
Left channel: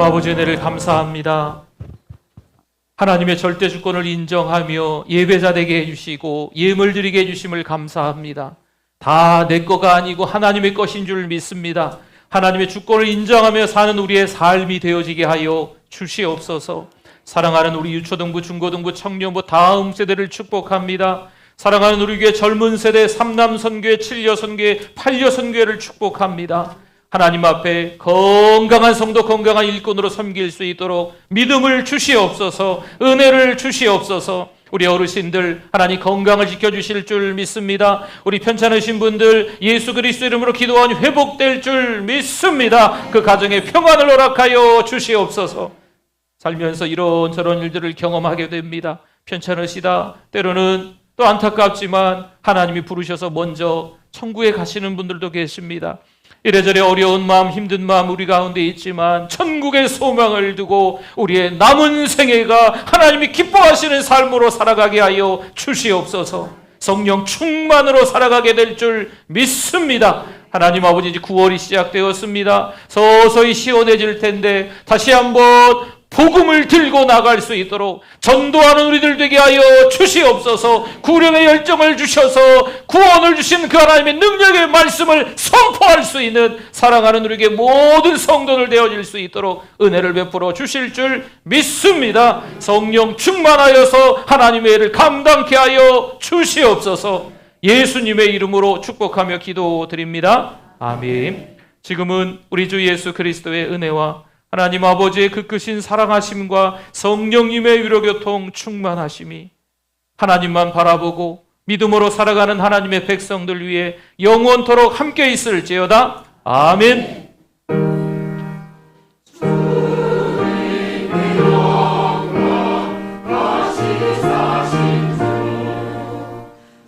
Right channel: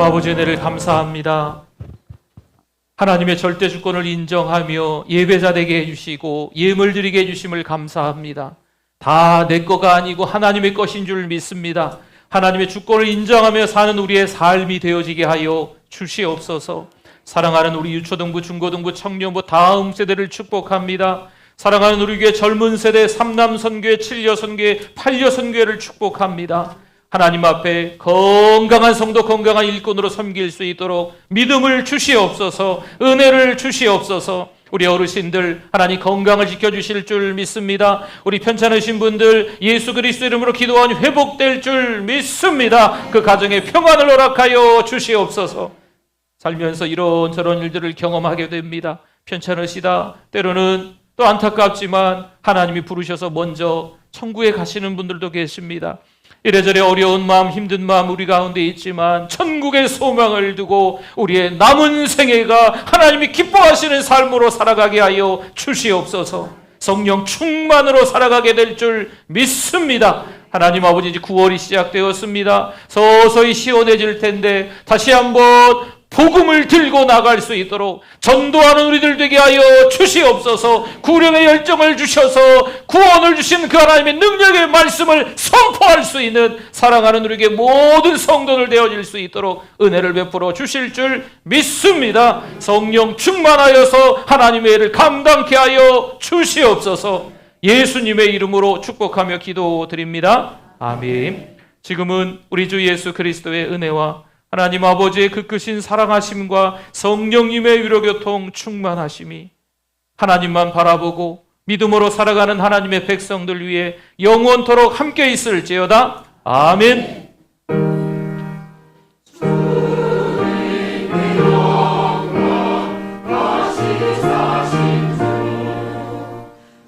아버지 은혜를 감사합니다. 하나님의 절대 주권을 인정하며 예배자 되게 해주시고 예물 드리게 해주심을 감사합니다. 다 내 거가 아니고 하나님의 것인 줄 믿습니다. 하나님의 주권을 인정하며 사는 우리의 삶이 되어지게 하여 주시옵소서. 사랑하는 우리 유초등부, 중고등부, 청년부 다음 세대를 축복합니다. 사랑하는 우리 교회 젊은 세대 3남 선교회, 7여 선교회, 8여 선교회를 축복합니다. 하나님 앞에 건강한 성도, 건강한 일꾼으로 섬길 수 있도록 믿음을 주시옵소서, 은혜를 주시옵소서. 우리 어르신들 하나님 건강을 지켜주실 줄 믿습니다. 우리 편찮으신 분들 예수 그리스도 이름으로 기도하니 회복될 줄 믿습니다. 그 가정에 평안을 허락하여 주시옵소서. 살면서 이런저런 일들을 경험하게 됩니다. 편찮으시다, 때로는 또 안타깝지만 하나님이 부르셔서 먼저 천국에 가시는 분들도 계십니다. 이래저래 어려운 마음, 힘든 마음 우리 가운데 있지만 천국의 소망을 두고 우리의 남은 생애가 하나님이 기뻐하시는 삶으로 살아가게 하여 주시옵소서. 성령 충만으로 살아가게 될 줄 믿습니다. 하나님 아버지, 이제 9월이 시작되었습니다. 서서히 시원해질 텐데 다시 한번 복음을 들고 나갈 수 있도록 전도하는 우리들 되게 하여 주시옵소서. 구령의 열정을 주셔서 구원을 주신 그 하나님의 능력의 말씀을 선포할 수 있는 사랑하는 우리에게 모든 성도들 되어질 수 있도록 은혜를 베풀어 주실 줄 믿습니다. 성령 충만하여서 하나님의 일을 감당케 하여 주시옵소서. 예수님의 이름으로 축복하며 기도드립니다. 아멘. 지금은 우리 주 예수 그리스도의 은혜와 하나님 아버지의 그 크신 사랑하심과 성령님의 위로교통 충만하심이 하나님만 바라보고 믿음으로 살아가는 하나님의 백성들 위해 영원토록 함께 있을지어다. 아멘.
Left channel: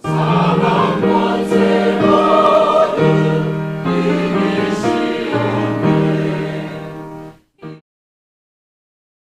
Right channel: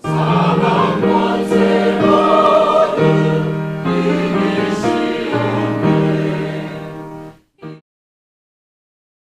사랑 번째 너는 이미